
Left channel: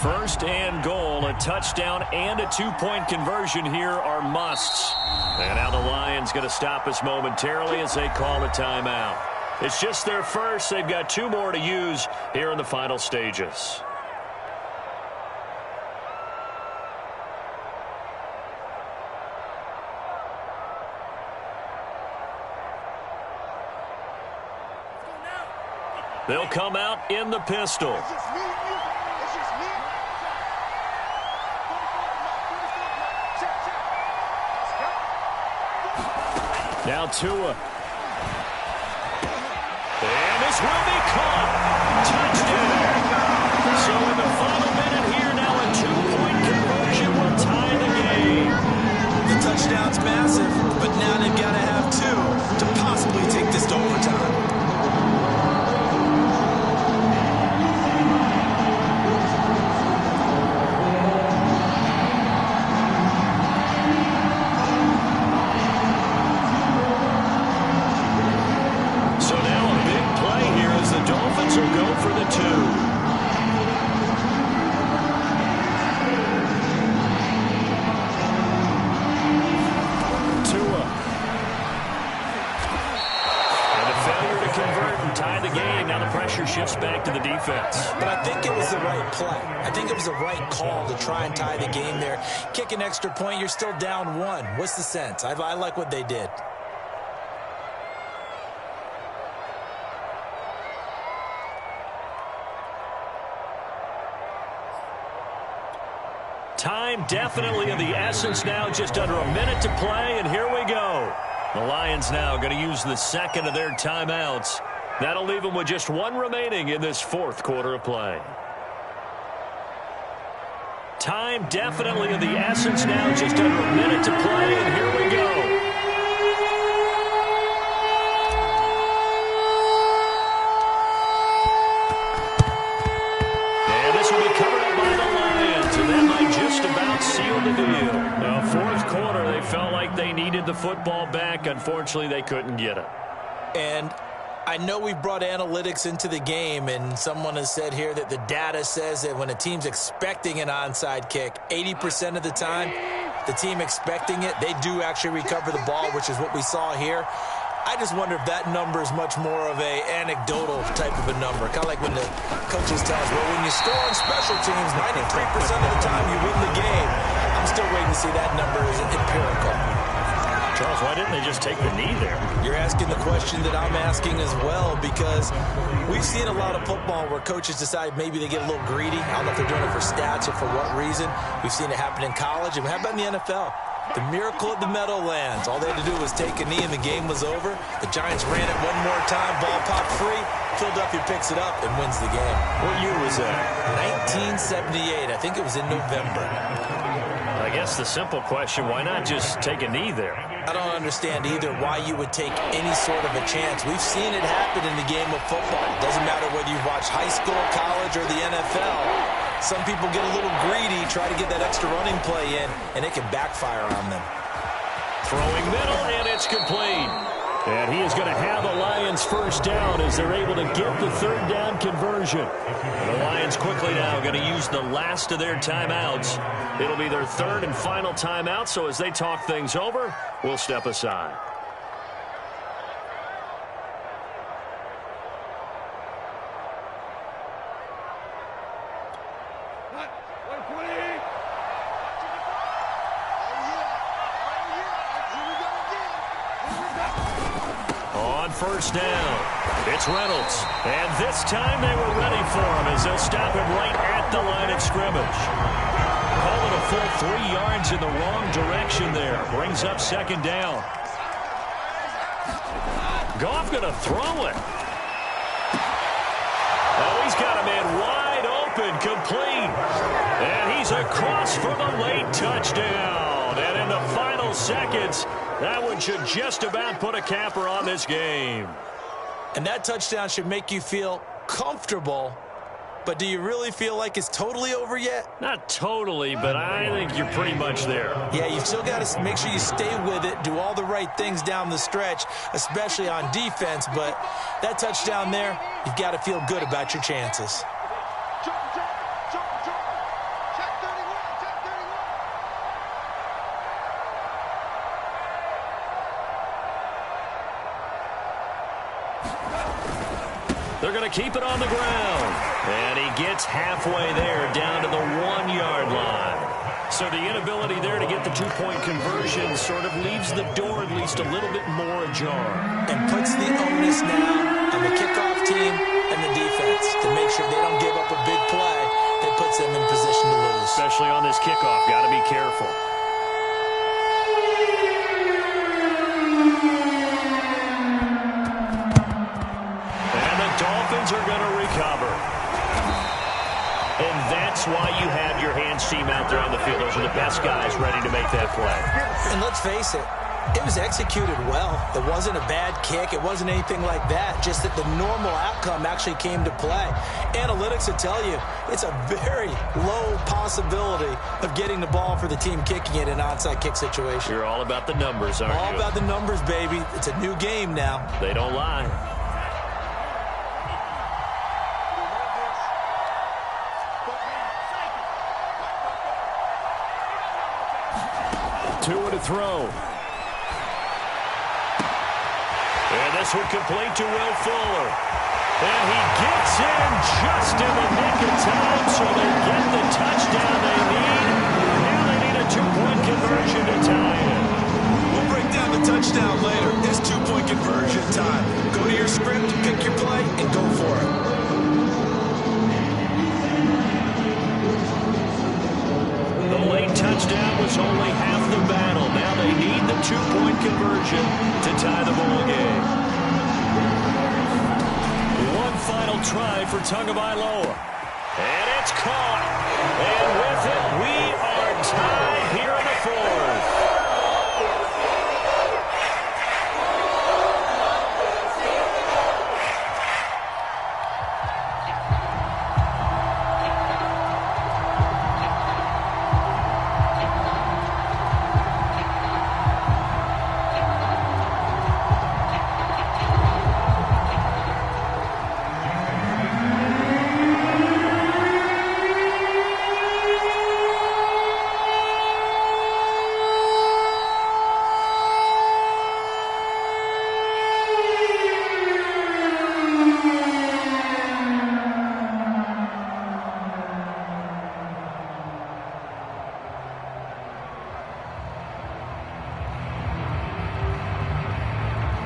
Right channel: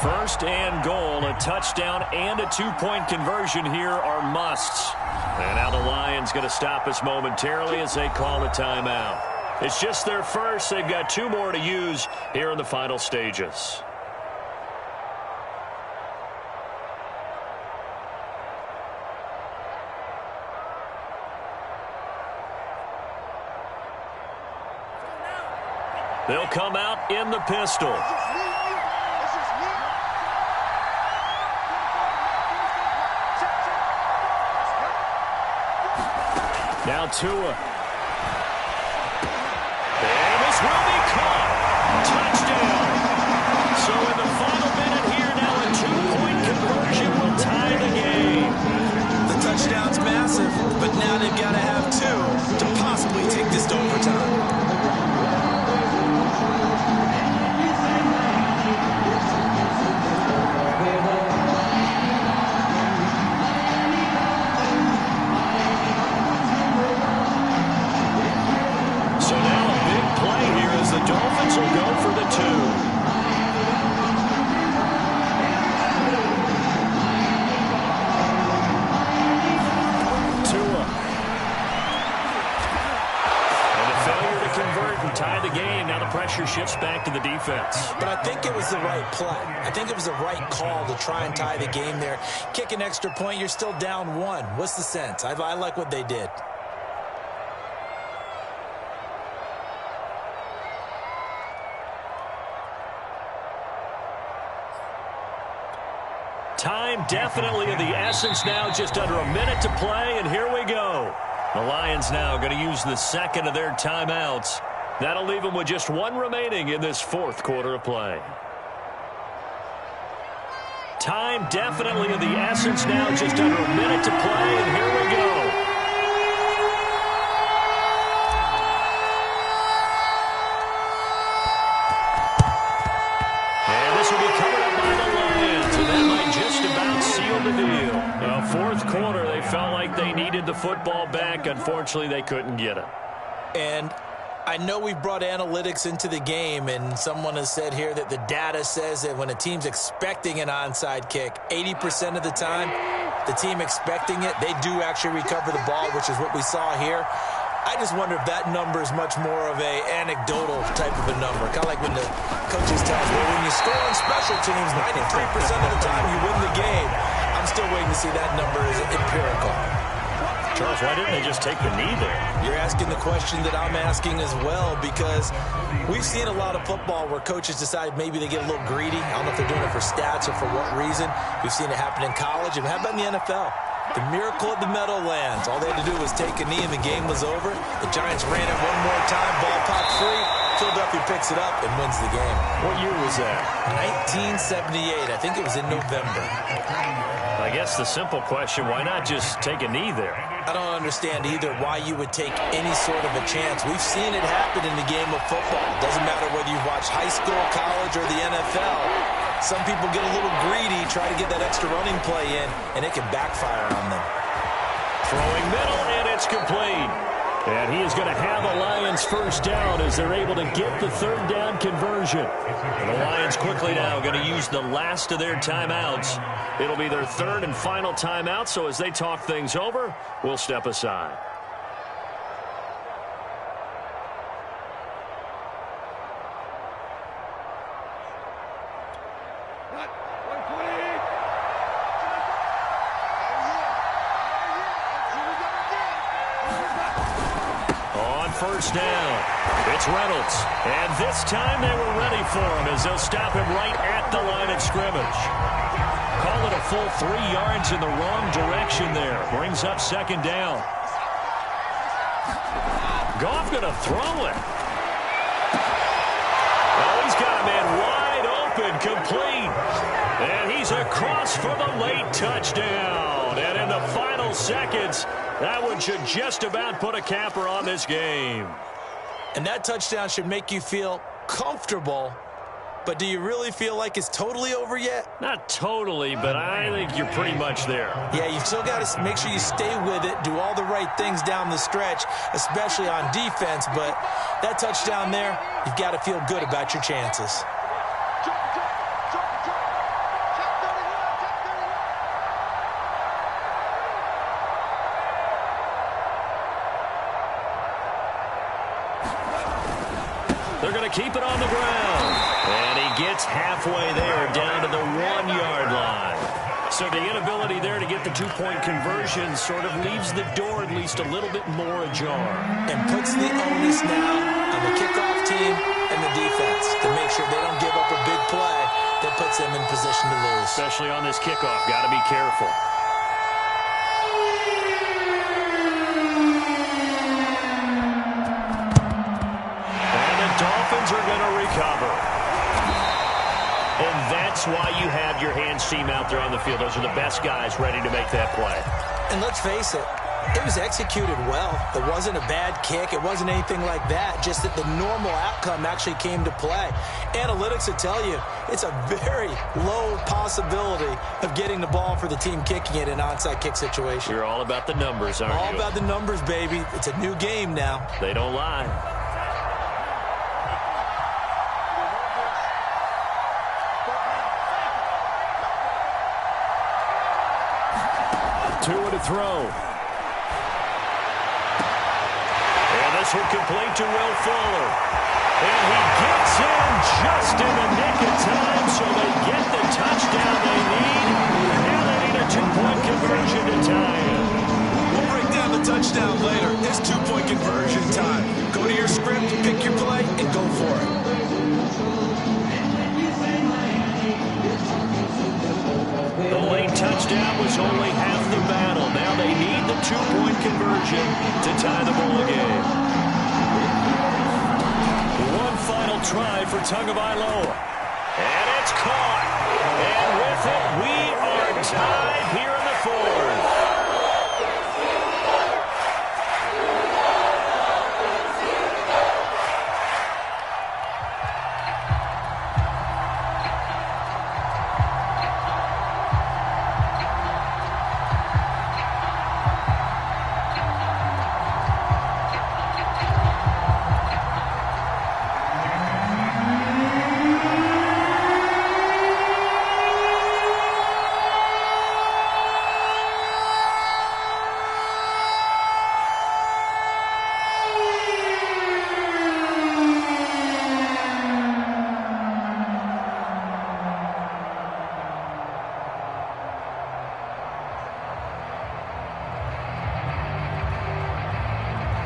First and goal, a touchdown and a 2-point conversion here are musts. And now the Lions going to stop us momentarily as they call a timeout. It's just their first. They've got 2 more to use here in the final stages. They'll come out in the pistol. Now Tua. And this will be caught. Touchdown. So in the final minute here, now a 2-point conversion will tie the game. The touchdown's massive, but now they've got to have 2 to possibly take this to overtime. The Dolphins will go for the 2. Tua. And a failure to convert and tie the game. Now the pressure shifts back to the defense. But I think it was the right play. I think it was the right call to try and tie the game there. Kick an extra point, you're still down 1. What's the sense? I like what they did. Time definitely of the essence now, just under a minute to play, and here we go. The Lions now going to use the second of their timeouts That'll leave them with just one remaining in this fourth quarter of play. Time definitely of the essence now. Just under a minute to play, and here we go. And this will be covered up by the Lions, and that might just about seal the deal. Now, fourth quarter, they felt like they needed the football back. Unfortunately, they couldn't get it. And I know we brought analytics into the game, and someone has said here that the data says that when a team's expecting an onside kick, 80% of the time, the team expecting it, they do actually recover the ball, which is what we saw here. I just wonder if that number is much more of a anecdotal type of a number. Kind of like when the coaches tell us, well, when you score on special teams, 93% of the time you win the game. I'm still waiting to see that number is empirical. Charles, why didn't they just take the knee there? You're asking the question that I'm asking as well, because we've seen a lot of football where coaches decide maybe they get a little greedy. I don't know if they're doing it for stats or for what reason. We've seen it happen in college. And how about in the NFL? The miracle at the Meadowlands. All they had to do was take a knee and the game was over. The Giants ran it one more time. Ball popped free. Philadelphia picks it up and wins the game. What year was that? 1978. I think it was in November. I guess the simple question, why not just take a knee there? I don't understand either why you would take any sort of a chance. We've seen it happen in the game of football. It doesn't matter whether you've watched high school, college, or the NFL. Some people get a little greedy, try to get that extra running play in, and it can backfire on them. Throwing middle, and it's complete. And he is going to have a Lions first down as they're able to get the third down conversion. And the Lions quickly now going to use the last of their timeouts. It'll be their third and final timeout, so as they talk things over, we'll step aside. First down. It's Reynolds. And this time they were ready for him as they'll stop him right at the line of scrimmage. Call it a full 3 yards in the wrong direction there. Brings up second down. Goff going to throw it. Oh, he's got a man wide open, complete. And he's across for the late touchdown. And in the final seconds, that one should just about put a capper on this game. And that touchdown should make you feel comfortable, but do you really feel like it's totally over yet? Not totally, but I think you're pretty much there. Yeah, you've still got to make sure you stay with it, do all the right things down the stretch, especially on defense, but that touchdown there, you've got to feel good about your chances. They're going to keep it on the ground. And he gets halfway there, down to the 1 yard line. So the inability there to get the two-point conversion sort of leaves the door at least a little bit more ajar. And puts the onus now on the kickoff team and the defense to make sure they don't give up a big play that puts them in position to lose. Especially on this kickoff. Got to be careful. Dolphins are going to recover. And that's why you have your hands team out there on the field. Those are the best guys ready to make that play. And let's face it, it was executed well. It wasn't a bad kick. It wasn't anything like that. Just that the normal outcome actually came to play. Analytics will tell you it's a very low possibility of getting the ball for the team kicking it in an onside kick situation. You're all about the numbers, aren't you? All about the numbers, baby. It's a new game now. They don't lie. Two to throw. And this one complete to Will Fuller. And he gets in just in the nick of time, so they get the touchdown they need. Now they need a two-point conversion to tie it. We'll break down the touchdown later. It's two-point conversion time. Go to your script, pick your play, and go for it. The late touchdown was only half the battle. Now they need the two-point conversion to tie the ball game. try for Tagovailoa. And it's caught. And with it, we are tied here in the fourth.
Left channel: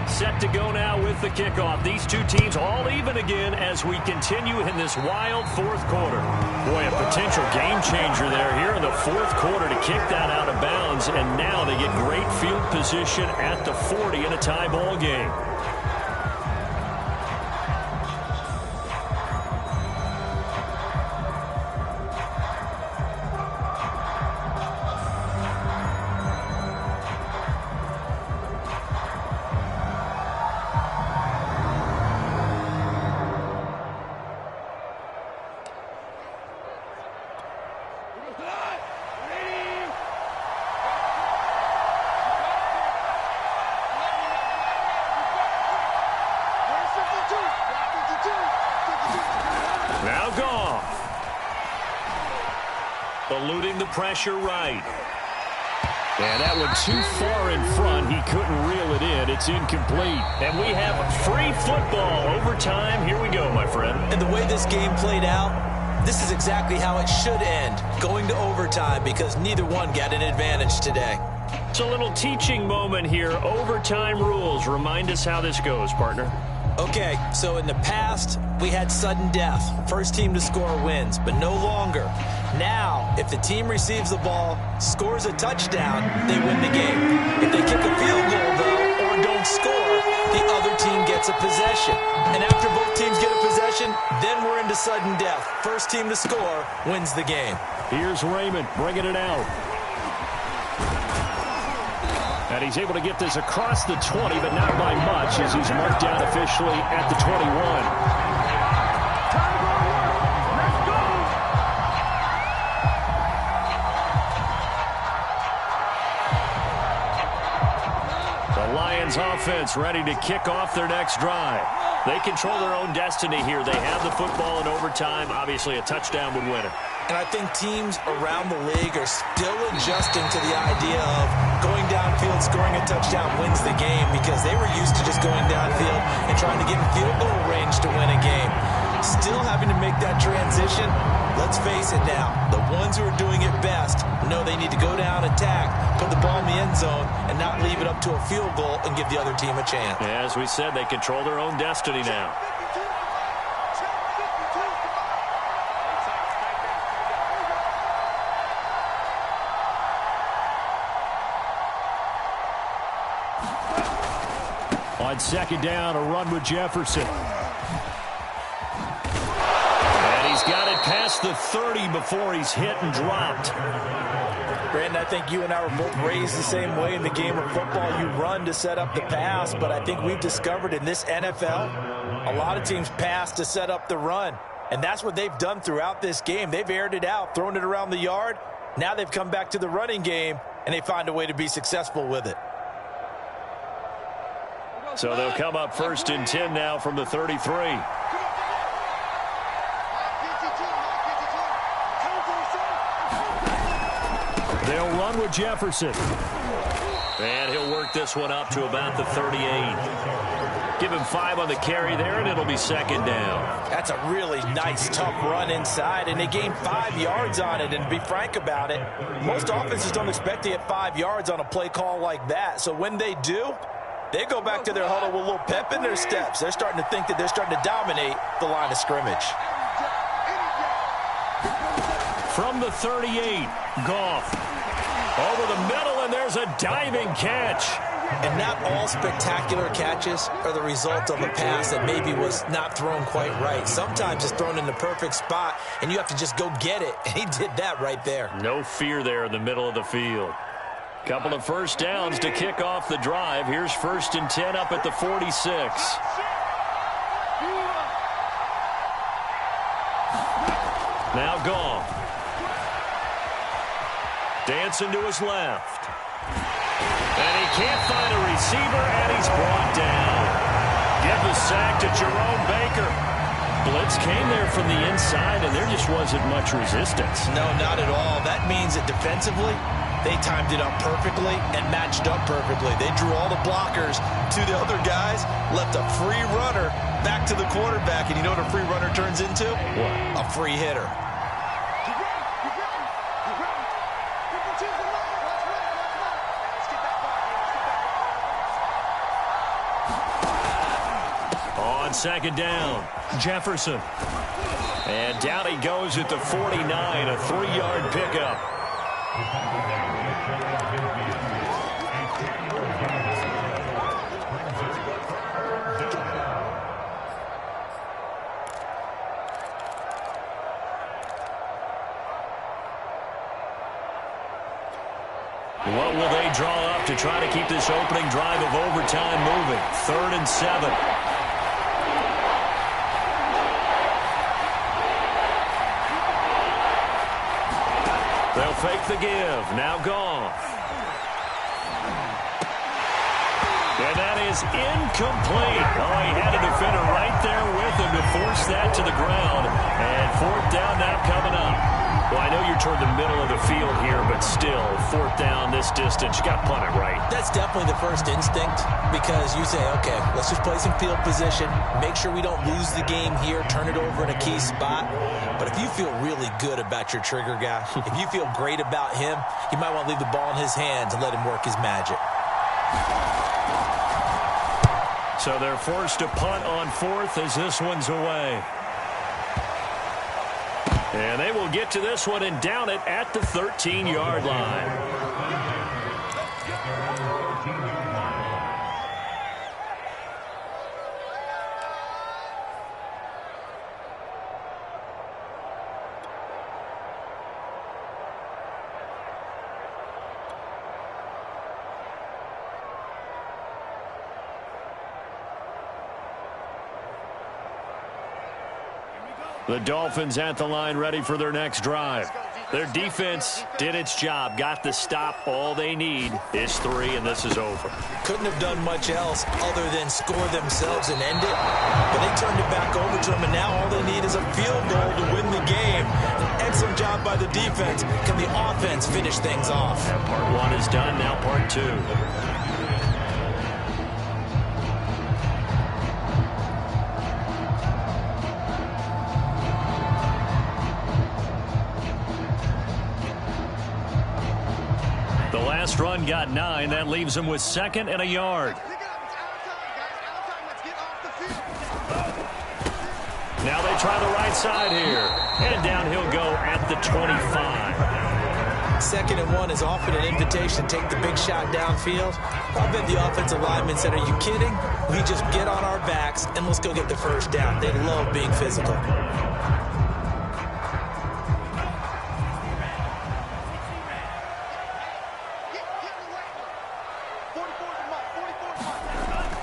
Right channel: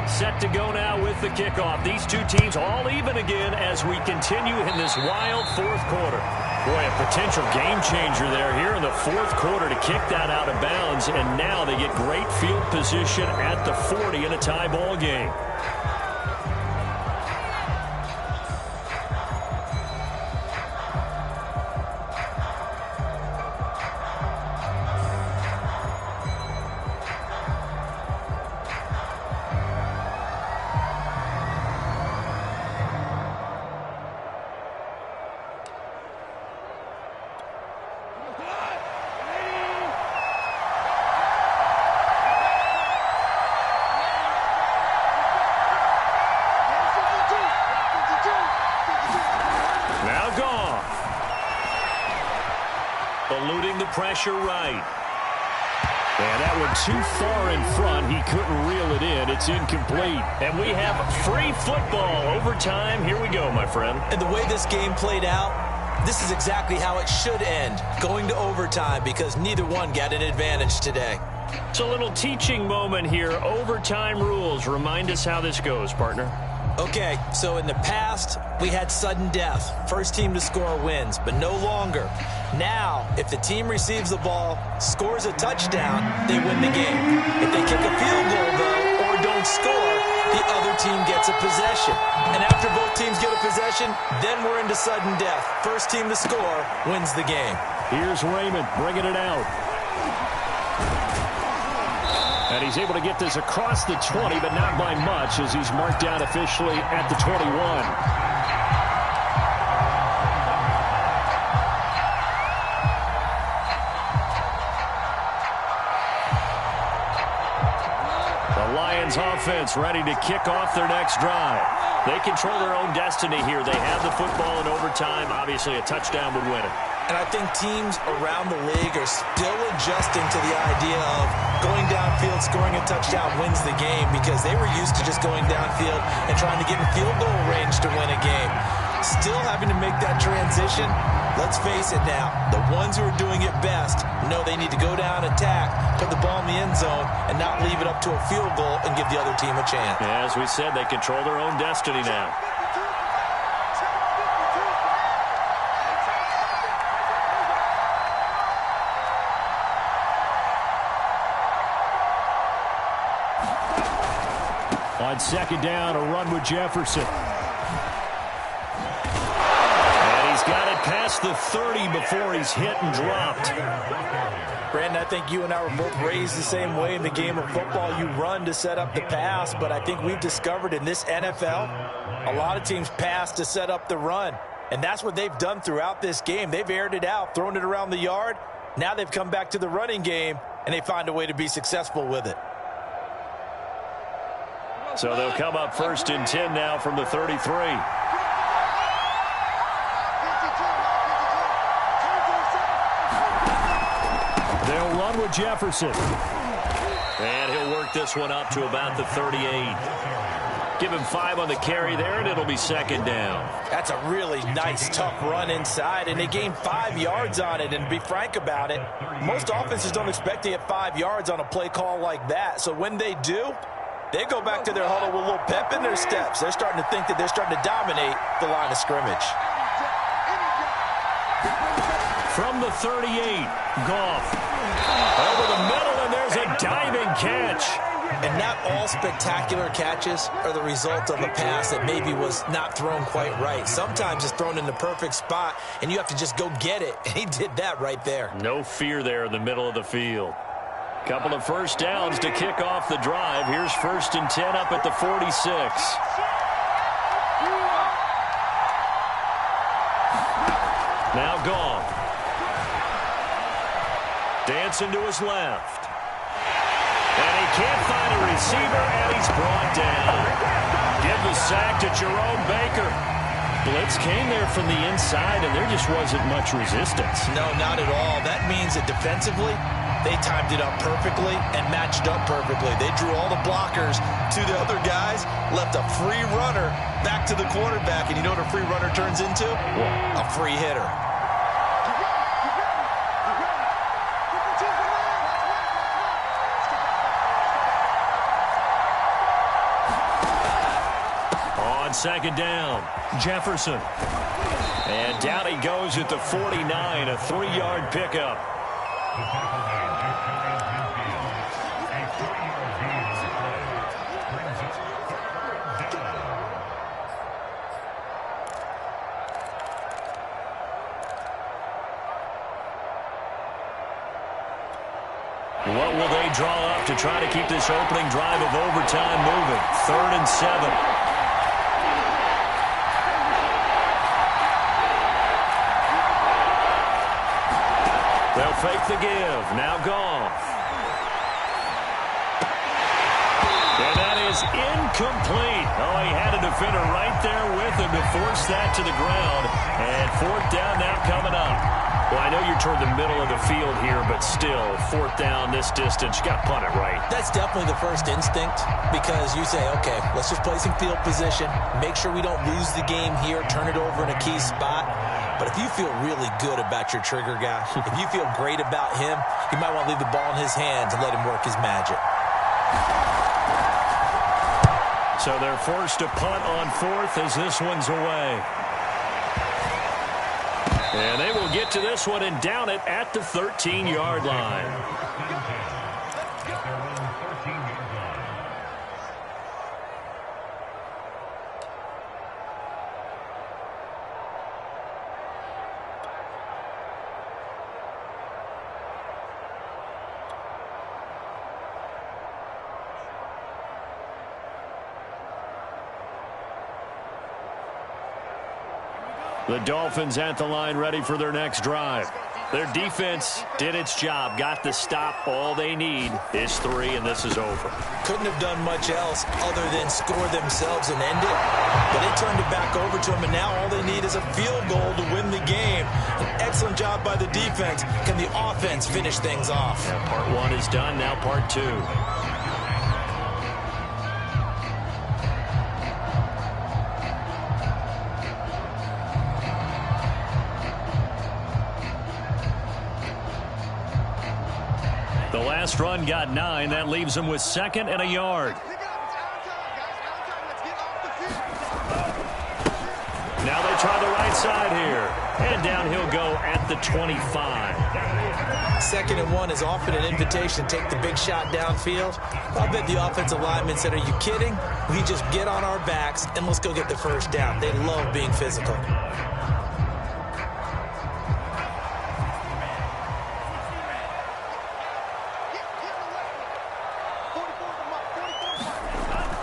Set to go now with the kickoff. These two teams all even again as we continue in this wild fourth quarter. Boy, a potential game changer there here in the fourth quarter to kick that out of bounds, and now they get great field position at the 40 in a tie ball game. Now gone. Eluding the pressure right. And that one too far in front. He couldn't reel it in. It's incomplete. And we have free football. Overtime. Here we go, my friend. And the way this game played out, this is exactly how it should end. Going to overtime because neither one got an advantage today. It's a little teaching moment here. Overtime rules. Remind us how this goes, partner. Okay, so in the past, we had sudden death. First team to score wins, but no longer. Now, if the team receives the ball, scores a touchdown, they win the game. If they kick a field goal, though, or don't score, the other team gets a possession. And after both teams get a possession, then we're into sudden death. First team to score wins the game. Here's Raymond bringing it out. And he's able to get this across the 20, but not by much as he's marked down officially at the 21. The Lions offense ready to kick off their next drive. They control their own destiny here. They have the football in overtime. Obviously, a touchdown would win it. And I think teams around the league are still adjusting to the idea of going downfield, scoring a touchdown wins the game because they were used to just going downfield and trying to get in field goal range to win a game. Still having to make that transition. Let's face it now, the ones who are doing it best know they need to go down, attack, put the ball in the end zone, and not leave it up to a field goal and give the other team a chance. As we said, they control their own destiny now. On second down, a run with Jefferson. And he's got it past the 30 before he's hit and dropped. Brandon, I think you and I were both raised the same way in the game of football. You run to set up the pass, but I think we've discovered in this NFL, a lot of teams pass to set up the run. And that's what they've done throughout this game. They've aired it out, thrown it around the yard. Now they've come back to the running game, and they find a way to be successful with it. So they'll come up first and 10 now from the 33. They'll run with Jefferson. And he'll work this one up to about the 38. Give him 5 on the carry there, and it'll be second down. That's a really nice, tough run inside, and they gained 5 yards on it. And to be frank about it, most offenses don't expect to get 5 yards on a play call like that. So when they do, they go back to their huddle with a little pep in their steps. They're starting to think that they're starting to dominate the line of scrimmage. From the 38, Goff. Over the middle, and there's a diving catch. And not all spectacular catches are the result of a pass that maybe was not thrown quite right. Sometimes it's thrown in the perfect spot, and you have to just go get it. And he did that right there. No fear there in the middle of the field. Couple of first downs to kick off the drive. Here's 1st and 10 up at the 46. Now Goff. Dancing to his left. And he can't find a receiver, and he's brought down. Give the sack to Jerome Baker. Blitz came there from the inside, and there just wasn't much resistance. No, not at all. That means that defensively, they timed it up perfectly and matched up perfectly. They drew all the blockers to the other guys, left a free runner back to the quarterback. And you know what a free runner turns into? What? A free hitter. On 2nd down, Jefferson. And down he goes at the 49, a 3-yard pickup. What will they draw up to try to keep this opening drive of overtime moving? 3rd and 7. They'll fake the give. Now Goff. And that is incomplete. Oh, he had a defender right there with him to force that to the ground. And 4th down now coming up. Well, I know you're toward the middle of the field here, but still, 4th down this distance, you got to punt it right. That's definitely the first instinct, because you say, okay, let's just play some field position, make sure we don't lose the game here, turn it over in a key spot. But if you feel really good about your trigger guy, if you feel great about him, you might want to leave the ball in his hands and let him work his magic. So they're forced to punt on 4th as this one's away. And they will get to this one and down it at the 13-yard line. The Dolphins at the line ready for their next drive. Their defense did its job, got the stop. All they need is 3, and this is over. Couldn't have done much else other than score themselves and end it. But they turned it back over to them, and now all they need is a field goal to win the game. An excellent job by the defense. Can the offense finish things off? Yeah, part 1 is done, now part 2. The last run got 9. That leaves him with 2nd and a yard. Now they try the right side here. And down he'll go at the 25. 2nd and 1 is often an invitation to take the big shot downfield. I'll bet the offensive linemen said, are you kidding? We just get on our backs and let's go get the first down. They love being physical.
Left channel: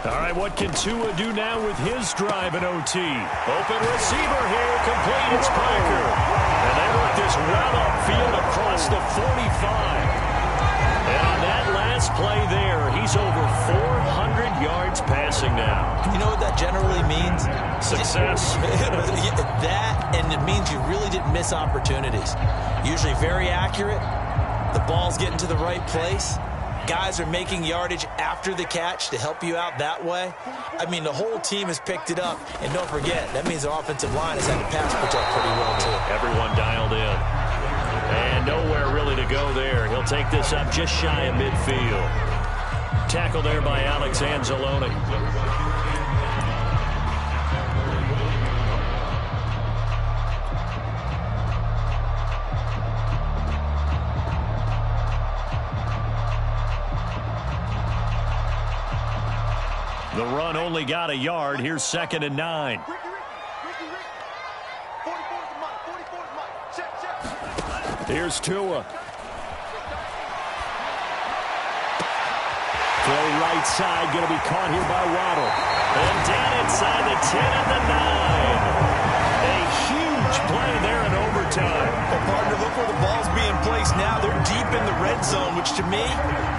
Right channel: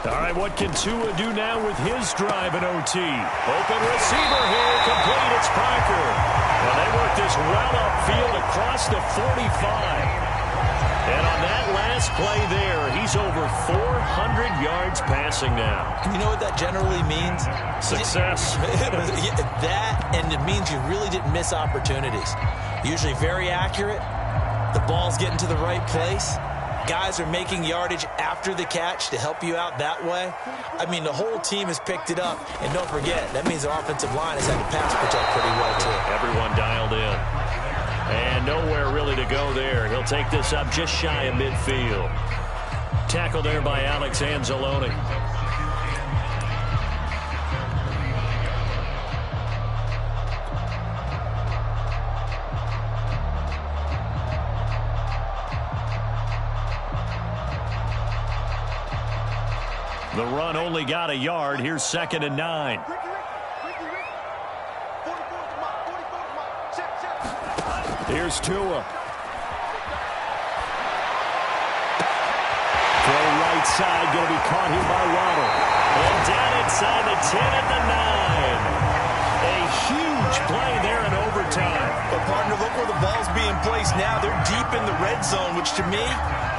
All right, what can Tua do now with his drive in OT? Open receiver here, complete, it's Parker. And they work this well upfield across the 45. And on that last play there, he's over 400 yards passing now. You know what that generally means? Success. That, and it means you really didn't miss opportunities. Usually very accurate. The ball's getting to the right place. Guys are making yardage after the catch to help you out that way. I mean, the whole team has picked it up. And don't forget, that means the offensive line has had to pass protect pretty well, too. Everyone dialed in. And nowhere really to go there. He'll take this up just shy of midfield. Tackle there by Alex Anzalone. The run only got a yard. Here's 2nd and 9. Ricky. 44's the Mike. 44's Mike. Check. Here's Tua. Throw right side, going to be caught here by Waddle. And down inside the 10 and the 9. A huge play there in overtime. But, partner, look where the ball's being placed now. They're deep in the red zone, which to me,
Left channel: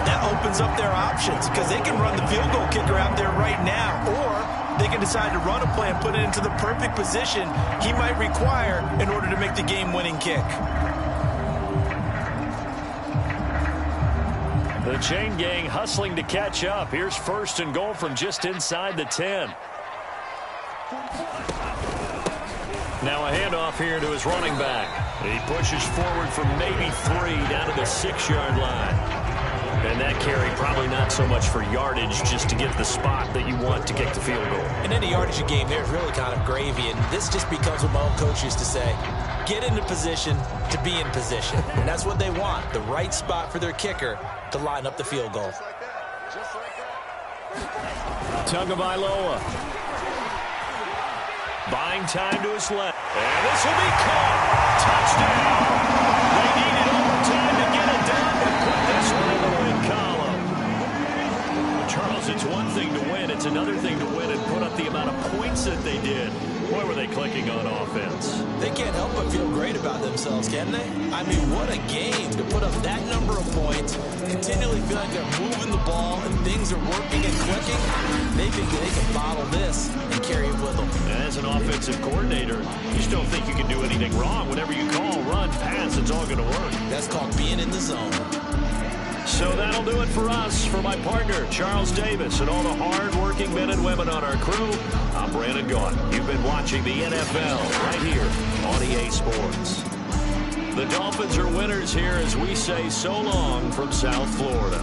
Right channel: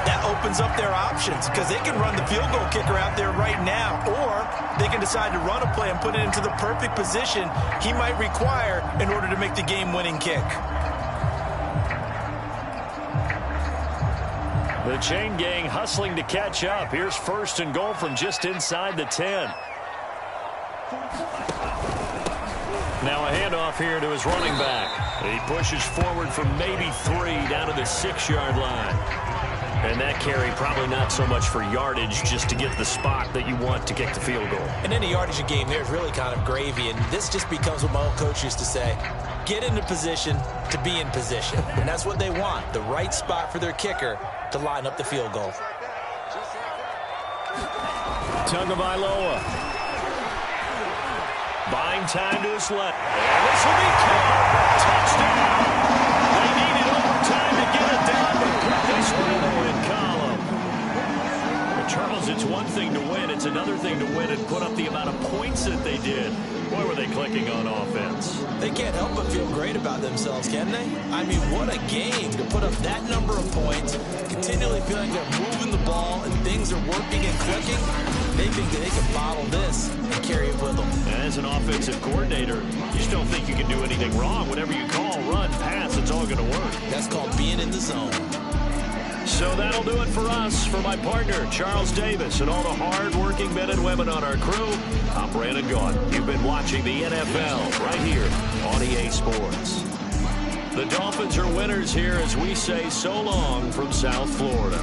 that opens up their options because they can run the field goal kicker out there right now, or they can decide to run a play and put it into the perfect position he might require in order to make the game-winning kick. The chain gang hustling to catch up. Here's 1st and goal from just inside the 10. Now a handoff here to his running back. He pushes forward for maybe 3 down to the 6-yard line. And that carry probably not so much for yardage, just to get the spot that you want to kick the field goal. And any yardage game there is really kind of gravy, and this just becomes what my old coach used to say. Get into position to be in position. And that's what they want, the right spot for their kicker to line up the field goal. Just like that. Tagovailoa. Buying time to his left. And this will be caught. Touchdown. They needed overtime to get it done, but put this one in the win column. But Charles, it's one thing to win. It's another thing to win and put up the amount of points that they did. Boy, were they clicking on offense. They can't help but feel great about themselves, can they? I mean, what a game to put up that number of points, continually feeling they're moving the ball and things are working and clicking. They think that they can bottle this and carry it with them. As an offensive coordinator, you just don't think you can do anything wrong. Whatever you call, run, pass, it's all going to work. That's called being in the zone. So that'll do it for us. For my partner, Charles Davis, and all the hard-working men and women on our crew, I'm Brandon Gaudin. You've been watching the NFL right here on EA Sports. The Dolphins are winners here as we say so long from South Florida.